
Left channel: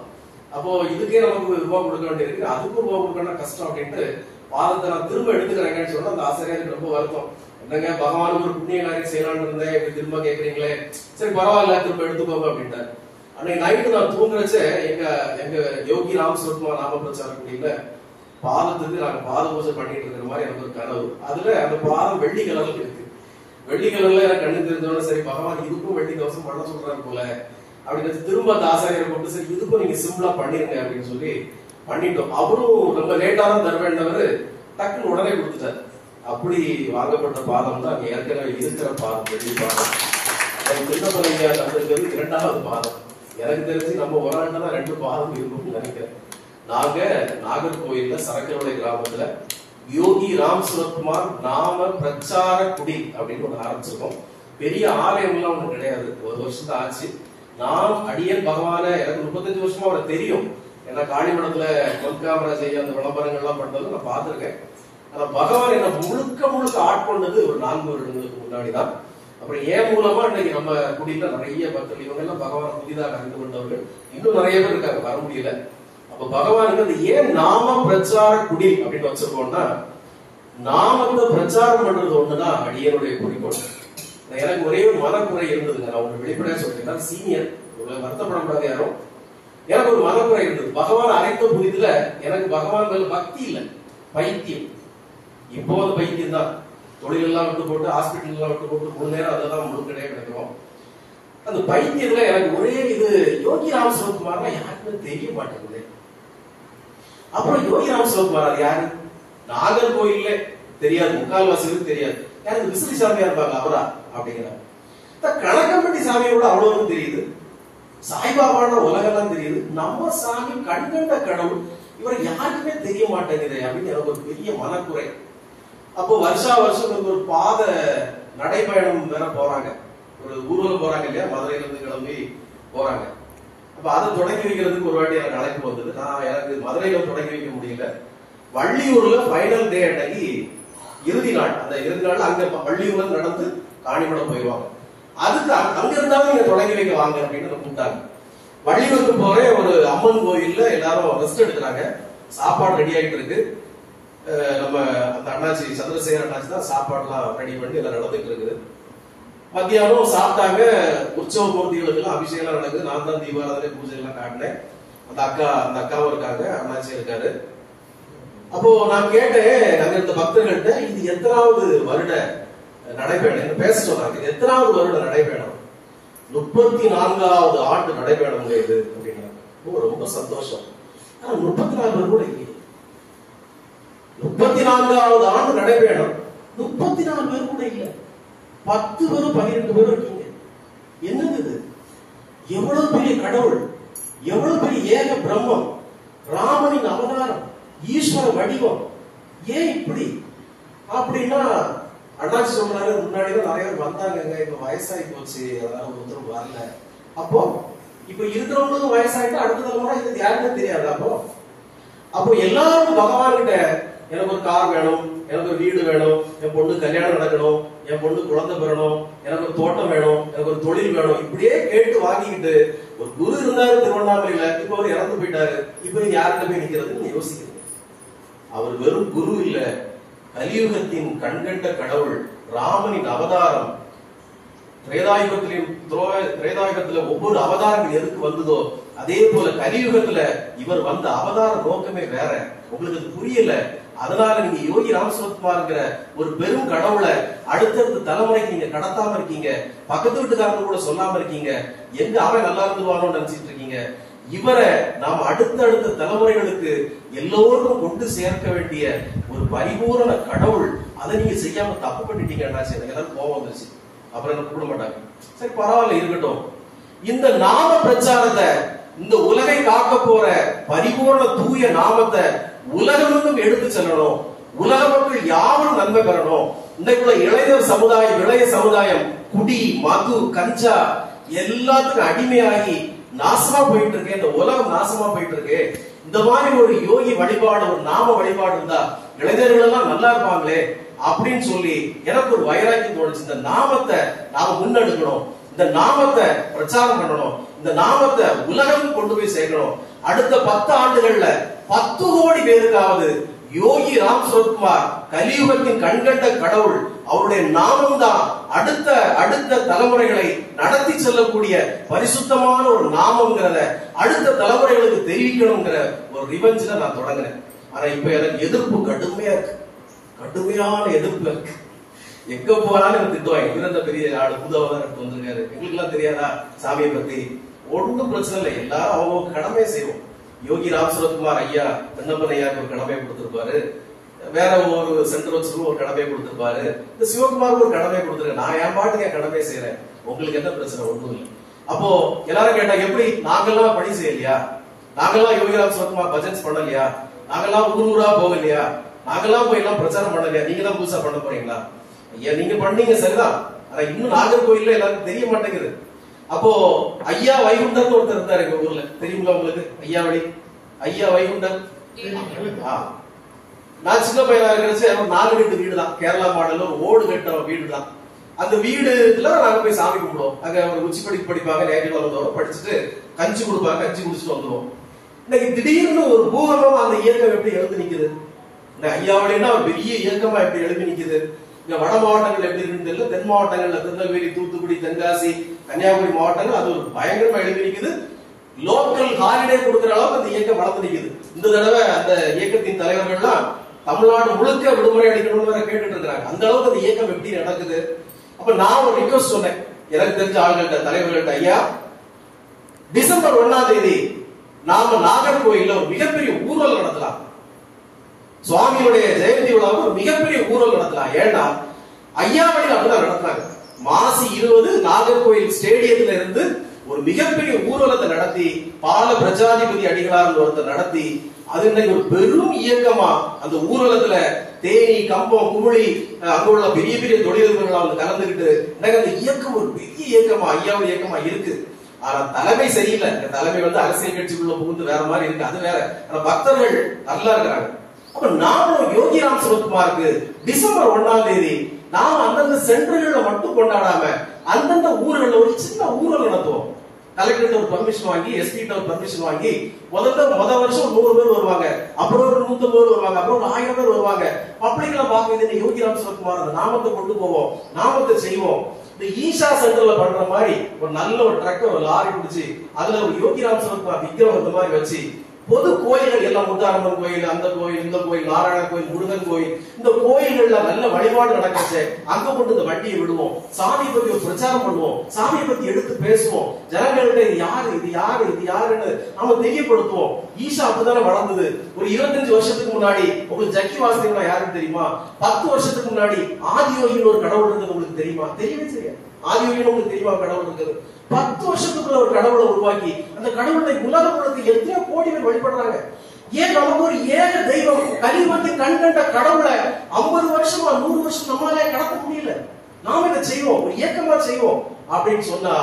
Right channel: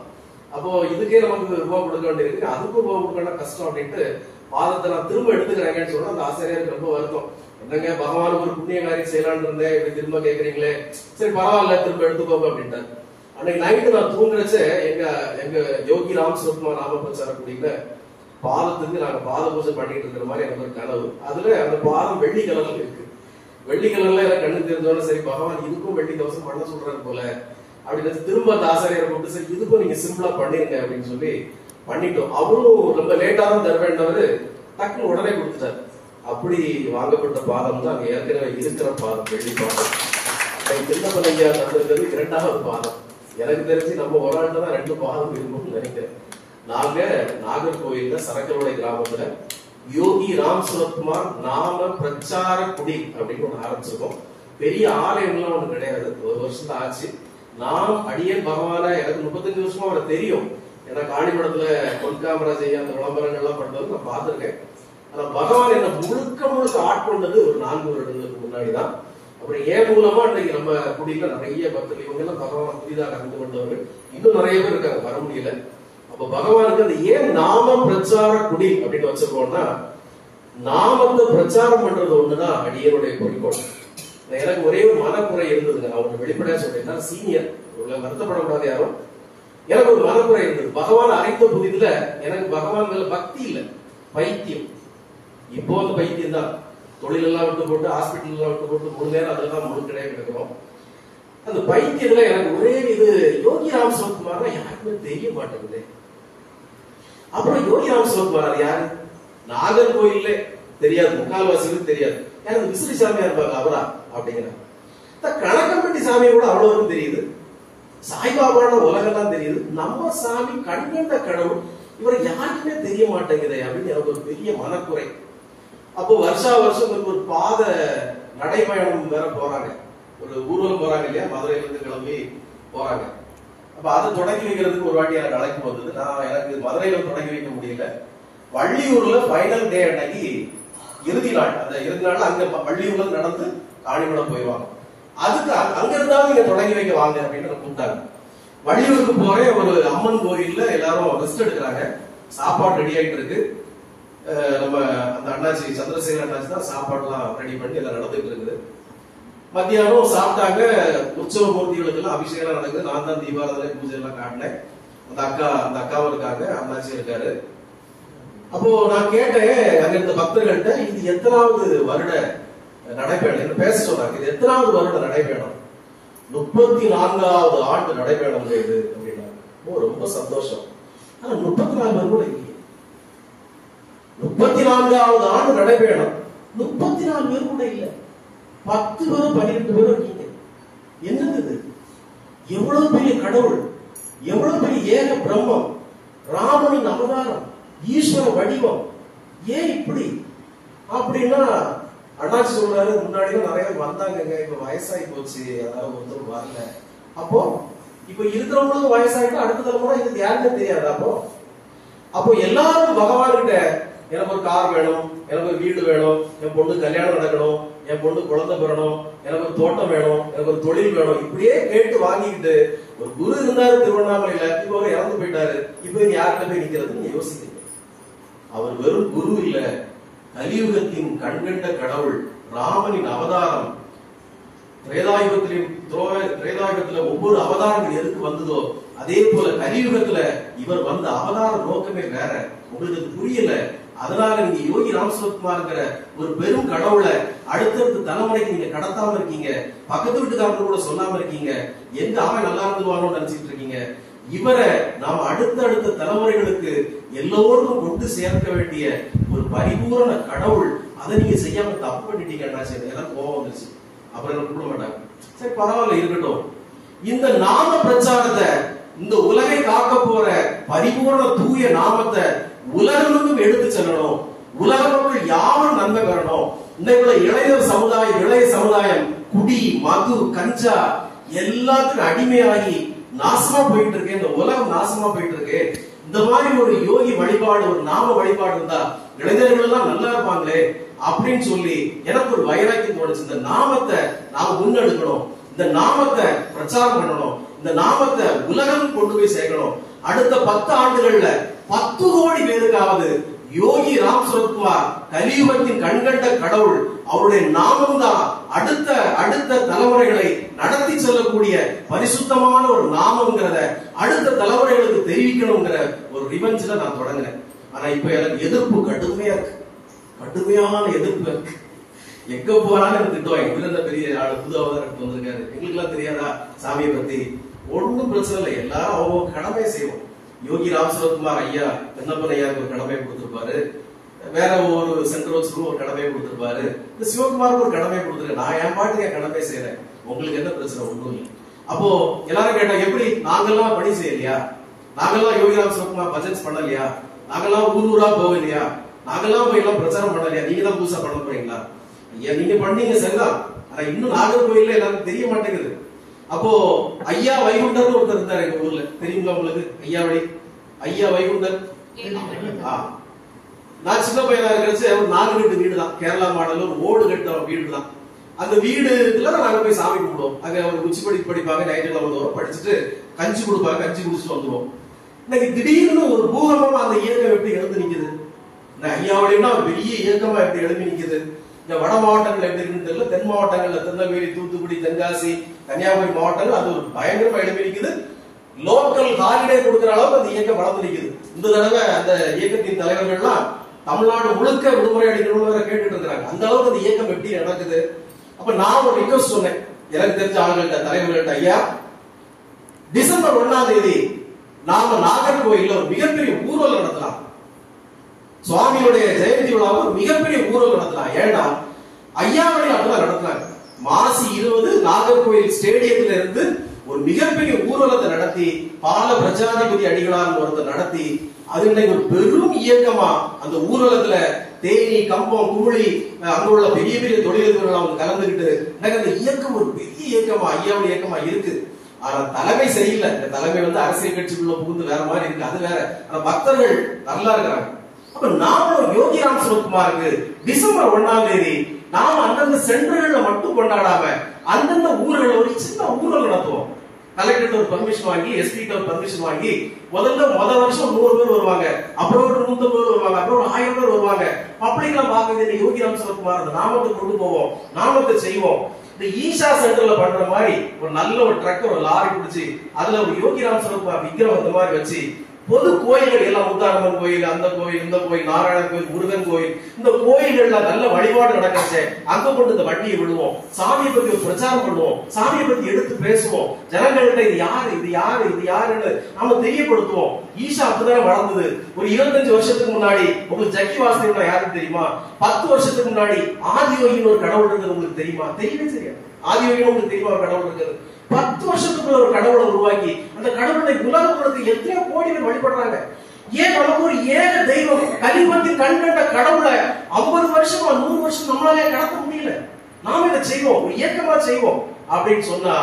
அப்போ இதுக்கே நமக்கு ரூபா கொடுக்க வேண்டியிருக்கு, அதுக்கும் ரூபா கொடுக்கணும் கஷ்டம் அப்படின்ட்டு பாதத்தை நான் திரும்ப எடுத்துக்கிறேங்கன்னு சொன்னா அந்த ஆசிரியருக்கு ரொம்ப வருத்தம். என்னங்க பகவானுக்கு ஒரு புண்ணிய காரியம் செய்யலான்னு இருந்தேன், இப்படி திரும்ப கேட்கறீங்களே, சரி பரவாயில்ல திரும்ப எடுத்துக்கோங்க அப்படின்ட்டார். அன்னைக்கு நைட்டு நான் தூங்குறச்ச எங்க யோகி ராம் சுரத்குமார் நாம பிரச்சார கூட்டியில பாதத்துக்கு நாங்க பாத பூஜை பண்ணிட்டு இருக்கிற மாதிரி எனக்கு ஒரு கனவு. அதுல அந்த பாதம் வெள்ளி கலர்ல இருக்கு. வெள்ளி கலர்ல எனக்கு கண்ணு தெரிஞ்சோட சரி பகவான் இதுக்கும் வெள்ளி கவசம் பண்ண சொல்றாரு போல அப்படின்னு திரும்ப அந்த ஆசாரியரை கூப்பிட்டு சரி இதுக்கும் நீங்க சிம்பிளா பண்ணிருங்க அப்படின்னு சொல்லி பண்ணிட்டோம். அவரும் ரொம்ப லேட்டா தான் தருவேண்டவரு டக்குன்னு உடனே கொடுத்துட்டாரு. அப்படி வாங்கப்பட்ட பாதம் தான் அங்க ஏற்கனவே இருக்கிற பாதம், வெள்ளி பாதம். சின்னப்பலையா தந்திருக்கிறது 2வது பாதம். எனக்கு தெரிஞ்சு நம்ம ஒரு ஆண்டு தான் 2 பாதம் இருக்கும்னு நினைக்கிறேன். நாங்க நாகர்கோயில்ல சரக்கரோடை கிராமத்துல யோகி ராம் சுரத்குமார் நாம பிரச்சார குடி அப்படின்னு ஒண்ணு ஆரம்பிச்சிருக்கோம். பெரிய ஆலயம்லாம் ஒண்ணு கிடையாது, 1 வருஷம் தான் ஆச்சு. நான் அடியேன் பகவான எனக்கு 35 வருஷமா அவரை தெரியும். ஏன்னா காளிமடத்துல பொன்காமராஜ் ஐயா அந்த விளம்பரங்கள்லாம் பண்றது நான் பார்த்திருக்கேன். ஆனா பகவான் என்ன முழுக்க ஆட்கொண்டது ஒரு 4 வருடங்களுக்கு முன்னாடிதான். அப்புறம் ஏன் மூலமா இன்னைக்கு நம்ம குடியில நிறைய பக்தர்கள் இவங்க எல்லாம் பகவான் புதிதாக அறிந்து கொண்டவர்கள் இன்னும் நிறைய பேர் இருக்காங்க, வர முடியல. அப்ப பகவானுக்கு அது ஏன் நாம பிரச்சார குடி அப்படின்னு வச்சிருக்கோம்னா, நாமத்தை பிரச்சாரம் பண்றது ஒண்ணுதான் அடியனுடைய குறிக்கோள். எனக்கு ஒரே ஒரு மனக்குறை இருந்ததுங்க, நான் உங்களுக்கு வெளிப்படையா சொல்றேன். சீனியர், வருத்தப்படக்கூடாது யாரும். எனக்கு ஒரு மனக்குறை இருந்தது. பகவான் அழைத்த புதிதுல எனக்கு பகவான் மேல பக்தி இல்ல, பைத்தியம். இப்போ அந்த பைத்தியம் தான். தொழில் எல்லாம் விட்டு போட்டு, ஹாஸ்பிட்டல் எல்லாம் விட்டு போட்டு, முழு நேரம் அதெல்லாம் முழுக்கடையா கிடைக்கிறோம். அந்த பைத்தியத்துல எனக்கு ஒரே இது, யோகி ராம் சுரத்குமார்னா யாருக்குமே தெரிய மாட்டேங்குது. அப்புறம் யோகி ராம் சுரத்குமார் அது யாரு? நாகர்கோயில்ல தெரியாது, முக்கால்வாசிகளுக்கு தெரியாது. எனக்கு விசிறி சாமியா இருப்பாங்க அவரா அப்படிங்கிற கணக்கம்பட்டி சாமியை கூட அவ்வளவு தெரியுது. சாய்பாபான உலகெல்லாம் தெரியுது. நம்ம சாமி கண்கண்ட கடவுள், இவரை யாருக்குமே தெரிய மாட்டேங்குது அப்படின்னு எனக்கு ஒரு பெரிய மனக்குறை. அப்போ வருஷா வருஷம் ஒரு பாத நடைபயணம் வேற போறாங்க, ஒரு ஊர்வலம் போறாங்க இல்லையா, மதுரையில இருந்து கிளம்பி போறாங்க. அப்ப அதை தொடங்கி வைக்கிறதுக்கு ஒரு வாட்டி எனக்கு அழைப்பு வந்தது. எனக்கு மதுரையில தொடங்கி வைக்க முடியல. வள்ளியூர்ல ஃபைனல் டே அன்னைக்கு இறுதி நாள், அந்த இறுதி நாள் அங்க வள்ளியூர்ல நடந்து காணிமடம் போயிடுவாங்க. அதுக்கு அங்க இருந்தாலும் நீங்க தொடங்கி வைக்க வாங்க அப்படின்னு கூப்பிட்டாங்க. வள்ளியூருக்கு போறேன். ஒரு அம்மன் கோயில்ல எல்லாரும் ரெஸ்ட் எடுக்கிறாங்க, சாப்பாடு ரெடி ஆகிட்டு இருக்கு. நம்ம அந்த அண்ணாச்சி சந்திரசேகர் அண்ணாச்சி தான் சாப்பாடுலாம் ரெடி பண்ணி எல்லாம் நடந்துட்டு இருக்குது. மத்தியானம் சாப்பிட்டாங்க. உற்சவ மூர்த்திகளுக்கு எல்லாம் அபிஷேகம் நடக்குது. நான் தான் தீபாராதனை பூஜை எல்லாம் காட்டினேன். அந்த அக்காவும் இருக்காங்க, அண்ணாச்சி இருக்காரு. அப்போ நான் கேட்டேன் அங்க இருந்த பக்தர்கள்ட்ட, இது எத்தனாவது வருட நடைபயணம் பேச சொன்னாங்க. இது எத்தனாவது வருட நடைபயணம்? 34வது ஆண்டு நடைபயணம் இது அப்படின்னா ரொம்ப சந்தோஷம். ஆனா 34 பேர் கூட இல்லையே. 34வது ஆண்டு நடைபயணம், 34 பேர் கூட இல்ல. 10 பேரும் 12 பேரும் இருக்கீங்க. என்னது இது? எவ்வளவு பெரிய கடவுள், எவ்வளவு பெரிய ஏக பிரம்மம், ராமனின் அவதாரம், ஈஸ்வர வடிவம். ஏன் இப்படி அப்படின்னா, அண்ணாச்சி சொல்றாரு, முன்னாடி நிறைய வந்தாங்க, இப்ப வயசாகி போச்சு, அதனால ஒருத்தரும் வரல. அப்போ இப்ப இருக்கிறவங்களுக்கு வயசாகிட்டு அடுத்த தலைமுறை இதுக்கு யாருமே தெரியாது. அப்போ எல்லாரும் பகவான் கிட்ட எனக்கு ஒரு கார் வேணும், எனக்கு ஒரு வீடு வேணும், என் பொண்ணு கல்யாணம் நடக்கணும், என் பொண்ணு குழந்தை பெறணும், எனக்கு ஒரு தோட்டம் வேணும், எனக்கு ஒரு தொழில் வேணும், இப்படியே கேட்டு வாங்கிக்கிட்டு ஒரு குரு இருந்தாரு திருவண்ணாமலையில, இப்ப அவர் இறந்து போயிட்டாரு, இப்ப யார்கிட்ட போய் நிக்கிறதுன்னு யோசிக்கிறீங்க. அவர் வெறும் குரு இல்ல, கலியுகத்தின் கண்கண்ட கடவுள், ராமனின் அவதாரம். திரேதாயுகத்துல ஒவ்வொரு அவதாரங்கள் எதுக்கு வந்ததோ அதே போல கலியுகத்துல இவர் வந்த அவதார நோக்கமே வேற. உங்களுக்கு அது புரியல. அதனால நீங்க யோகி ராம் சுரத்குமார்ங்கிற ஒரு பெரும் கடவுளை அடுத்தடுத்த தலைமுறைக்கு நீங்க கடத்தாம இருக்கீங்க. பக்கத்து வீட்டுக்காரங்க கூட சொல்லாம இருக்கீங்க. எங்க அவன் நல்லா இருந்துருவானு நினைச்சிட்டு இருக்கீங்க. இவரை நாம் அடுத்த தலைமுறைகளுக்கு எல்லோருக்கும் கொண்டு சேர்க்க வேண்டிய ஒரு பரிபூரண கடவுள். அதை நீங்க செய்யாம தப்பு பண்ணிட்டீங்க. எனக்கு கோவம் வந்துருச்சு. அப்புறம் எனக்கு கூட மாட்டாங்க. சரி பரவாயில்ல, இருக்கட்டும். இந்த நாம பிரச்சாரத்தை, இந்த உலகை காக்க போற பரிபூர்ண தூய நாமத்தை உலகமும் எடுத்து செல்லணும். உலக மக்கள் யாரும் நன்மை பெறணும். இன்றைக்குள்ள இளைய சமுதாயம் குடி, மது, கஞ்சா எல்லாத்துக்கும் அடிமையாகி நாசமா போயிட்டு இருக்கு. இந்த உலகம் நாசமா போயிட்டு இருக்கு. இந்த மாதிரி ஒரு யோகி வழிபாடு, ஒரு நாம வழிபாடு இருந்தா இளைஞர்கள் எல்லாம் நல்லா இருப்பாங்களே அப்படின்னு சொல்லி எனக்கு ஒரு வைராக்கியம் தோணுச்சு. இந்த நாமத்தை நாம முன்னெடுக்கணும், இந்த நாமத்தை பிரச்சாரம் பண்ணணும், இந்த நாமத்தை உலகம் கொண்டு போய் சேர்க்கணும். அடுத்த 10 ஆண்டுகள்ல 10 கோடி பேருக்காவது யோகி ராம் சுரத்குமார் கலியுகத்தின் கண்கண்ட கடவுள், அவருடைய நாமம் தான் அடுத்த தலைமுறைகளை நடத்தி செல்லக்கூடிய பரிசுத்தமான ஒரு நாமம்ங்கிறத அடுத்த தலைமுறைகளுக்கு தெரிவிக்கணுங்கிற ஒரு ரிவெஞ்ச்ல நான் தொடங்கினேன். ஆனா இப்ப எனக்கு எதிர்ப்பு கடுமையா இருக்கு, கடுமையான எதிர்ப்பு இருக்கு. எங்க போறான்னு எனக்கு திட்டுவாங்க. இவர பெரிய ஆளு புதுவாக வந்திருக்காரு, எங்களுக்கு எல்லாம் தெரியாதா சாமியை பத்தி? ஒன்னும் பிரச்சனை இல்லை, எல்லாரும் அவங்க கடமையை செய்வோம். யோகி ராம் சுரத்குமார் ஐயா கண்ணப்பன் ஐயாவுக்கு ஒரு கடமையை கொடுத்திருப்பாரு, வேற ஒரு சென்டர் வச்சுக்கும் ஒரு கடமையை கொடுத்திருப்பாரு, இந்த சிவகுமாருக்கு ஒரு கடமையை கொடுத்துருக்கேன். நான் என் பாட்டுக்கு என் கடமையை செய்யறேன். உங்களுக்கு என்ன பிரச்சனை? ஒண்ணும் இல்லை. அப்போ எல்லாரும் கேட்டா எப்படி நாங்கெல்லாம் பணி செய்யலையா, நாங்கெல்லாம் யோகிராம் சுரத்குமார் பஜன்ஸ் பண்ணலையா, நாங்கெல்லாம் ஊர் ஊரா போகலையா, நாங்கெல்லாம் போய் எல்லாம் பிரச்சாரம் பண்ணலையா, நீங்க தான் புதுசா பண்ண போறீங்களா? ஐயா நீங்க பண்ணீங்க சரிதான், ஆனா இன்னும் நாகர்கோயில்ல எல்லாருக்கும் தெரிய மாட்டேங்குது. அப்போ ஐயா வைகுண்டர் ஒருத்தர் இருந்தாரு எங்க ஊர்ல, தெரியுங்களா உங்களுக்கு? ஐயா வைகுண்டர். நான் சின்ன பையனா இருக்கிறச்சு ஒரு 4 வீட்டு வீடு தான், கேரளா மாடல் ஒரு ஓடு கட்ட வீடு தான். அந்த வீடுல நாங்க போய் சாமி கும்பிடுவோம். அங்க ஒரு உச்சி படிப்பாங்க, நைட்டுல வந்தோம், படிச்சுட்டு கஞ்சி கொடுப்பாங்க, கஞ்சி குடிச்சுட்டு வந்துடுவோம். இன்னைக்கு திடீர்னு ஒரு பூகம்பமா அந்த இயக்கம் எப்படி எழுந்து நிக்குது? ஐயாவளின்னா ஒரு பெரிய இயக்கமா எப்படி எழுப்பி நிக்குது? இந்த வட மாவட்டங்கள் எப்படி இருக்குன்னு தெரியல, தென் மாவட்டங்கள்ல திருநெல்வேலி, தூத்துக்குடி, தென்காசி, கன்னியாகுமரி மாவட்டங்கள் அது ஒரு பயங்கரமா எழுப்பி நிக்குது. லோக்கல் ஹாலிடே கொடுக்கிற அளவுக்கு அந்த இயக்கம் வளர்ந்து நிக்குது. இந்த தடவை அந்த இயக்கத்தின் தலைவர்கள்லாம் தமிழ்நாடு முழுக்க விடுமுறை அடிக்கணும்னு வேற கேட்டுட்டு இருக்காங்க. அந்த அளவுக்கு அந்த இயக்கம் எப்படி நடக்குது? அப்ப நான் ஒரு ரிக்வெஸ்ட் சொன்னேன் எனக்கு தெரிஞ்ச ஆளுங்கள்ட்ட, தலைவர்கள்ட்ட, ஐயா டிசம்பர் 1ஆம் தேதி நாம நாகர்கோயில்ல ஒரு மிகப்பெரிய ஊர்வலம் நடத்தலாம், சுவாமியுடைய ஜெயந்தி விழாவை ஒரு மிகப்பெரிய ஊர்வலம் நடத்தலாம். ஏன்னா ஐயாவளியில் அப்படிதான் நடத்தினாங்க. மாசி 20 நாகர்கோயில் ஸ்டேடியத்துல இருந்து ஒரு மிகப்பெரிய ஊர்வலத்தை நடத்தி பால பிரஜாதிபதி அடிகளார் ஒருத்தர் நடத்தி அது இன்னைக்கு ஒரு பெரும் இயக்கமா அந்த ஊர்வலத்துல தேனி, கம்பம், குமுளி அங்க உள்ள பெரிய பெரிய தொழிலதிபர்கள் அவங்க கலந்துகிட்டு இன்னைக்கு அந்த இயக்கம் ஒரு பெரிய இயக்கமா ஐயாவளி இயக்கமா இருக்கு. ஆனா தலைமை சரியில்லை. இந்த தலைமை அரசியல் கட்சிக்குள்ள புகுந்து வேற மாதிரி இருக்கு, அது வேற. ஆனா பக்தர்கள் நல்லா இருக்காங்க. அப்ப நாமளும் யோகிராம் சுரத்குமாருக்கு டிசம்பர் 1ஆம் தேதி நாம அந்தந்த சென்டர்கள்ல மட்டும் கொண்டாடாம அந்தந்த ஊர்கள்ல ஒரு சின்ன ஊர்வலம் நடத்துவோம். கலெக்டர் ஒரு பர்மிஷன் வாங்கி, எஸ்பி ஒரு பர்மிஷன் வாங்கி, முத வருஷம் 100 பேர் வருவாங்க, அப்புறம் ஒரு 150 பேர் வருவாங்க, அப்புறம் ஒரு 1000 பேர் வருவாங்க. பப்ளிக்ல பாக்குறது யோகிராம் சுரத்குமார் அந்த நாமத்தை கொண்டு போவோம், நாமத்தை செய்வோம். இந்த ஈஷா சென்டர்ல பண்ற மாதிரி ஒரு நல்ல ஒரு ட்ரக், ஒரு லாரி பிடிச்சி அதுல ஒரு யோகிராம் சுரத்குமார் விக்கிரம் அந்த மாதிரி வச்சு பொது கோயில்கள் எல்லாம், முத்தாரம்மன் கோயில், அந்த கோயில், இந்த கோயில், நாராயண கோயில், முருகன் கோயில், இந்த கோயில்கள்ல நல்ல வழிபாடு நடக்கச்சு அங்க கொண்டு இந்த வண்டியை விடுவோம், சாமியை பத்தி ஒரு பிரச்சாரம் பண்ணுவோம், சாமியை பத்தி எடுத்து பேசுவோம், ஜனங்கள்கிட்ட இது யாரு இது யாரு இது யாருன்னு நாம தெரியப்படுத்துவோம். ஈஷா அப்படிதானே வளர்ந்தது. ஒரு 25 வருஷத்துக்கு முன்னாடி உங்களுக்கு ஜக்கி வாசுதேவனா யாருன்னு தெரியுமா? 10 வருஷத்துக்கு முன்னாடி ஆதியோகின்னு ஒரு கடவுள் இருந்தது உங்களுக்கு தெரியுமா? தெரியவே தெரியாது. ஆதியோகின்னு உங்களுக்கு தெரியுமா ஒரு கடவுள் இருக்குது? 10 வருஷத்துக்குள்ள ஒரு கடவுளை உருவாக்கி அந்த கடவுளை உலகப்படுத்தி எத்தனையோ கோடி பேர் வழிபடுறாங்க. ஏன் நமக்கு ஒரு ஏக தெய்வம் கலிபத்தி கண்கண்ட கடவுளை 50 வருஷமா 100 வருஷம் நம்மளாலே கடத்த முடியல. நாம இதை செய்வோம், ஒரு இயக்கமா செய்வோம் அப்படின்னு சொன்னா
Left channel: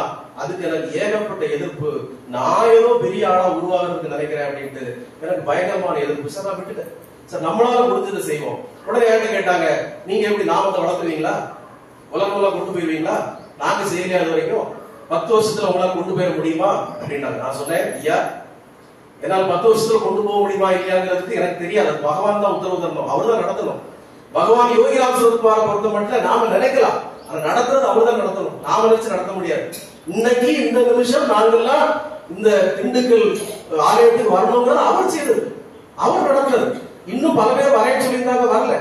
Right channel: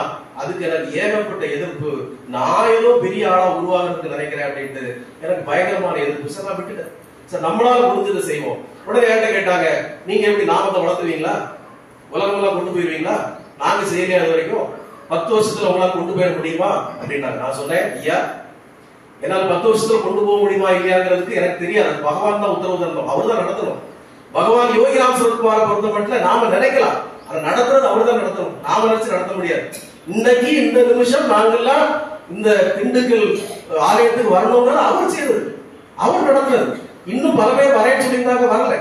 அதுக்கு எனக்கு ஏகப்பட்ட எதிர்ப்பு. நான் ஏதோ பெரிய ஆளா உருவாகிறதுக்கு நினைக்கிறேன் அப்படின்ட்டு எனக்கு பயங்கரமான எதிர்ப்பு. சார் நான் விட்டுட்டேன். சார் நம்மளால முடிஞ்சதை செய்வோம். உடனே என்கிட்ட கேட்டாங்க, நீங்க எப்படி நாமத்தை வளர்த்துவீங்களா, உலகமெல்லாம் கொண்டு போயிருவீங்களா? நாங்க செய்யலையா அது வரைக்கும்? 10 வருஷத்துல உங்களால கொண்டு போயிட முடியுமா அப்படின்னாங்க. நான் சொன்னேன், ஐயா என்னால 10 வருஷத்துல கொண்டு போக முடியுமா இல்லையாங்கிறதுக்கு எனக்கு தெரியாது. பகவான் தான் உத்தரவு தரணும், அவர் தான் நடத்தணும். பகவான் யோகிராம் சுரத்குமாரை பொறுத்த மட்டும் நாம நினைக்கலாம், அதை நடத்துறது அவர் தான் நடத்தணும். நாம நினைச்சு நடத்த முடியாது. இன்னைக்கு இந்த நிமிஷம் நாங்கெல்லாம் இந்த திண்டுக்கல் ஆலயத்துக்கு வரணுங்கிறது அவர் செய்தது, அவர் நடத்துறது. இன்னும் பல பேர் வரைய சொல்லியிருந்தாங்க, வரல.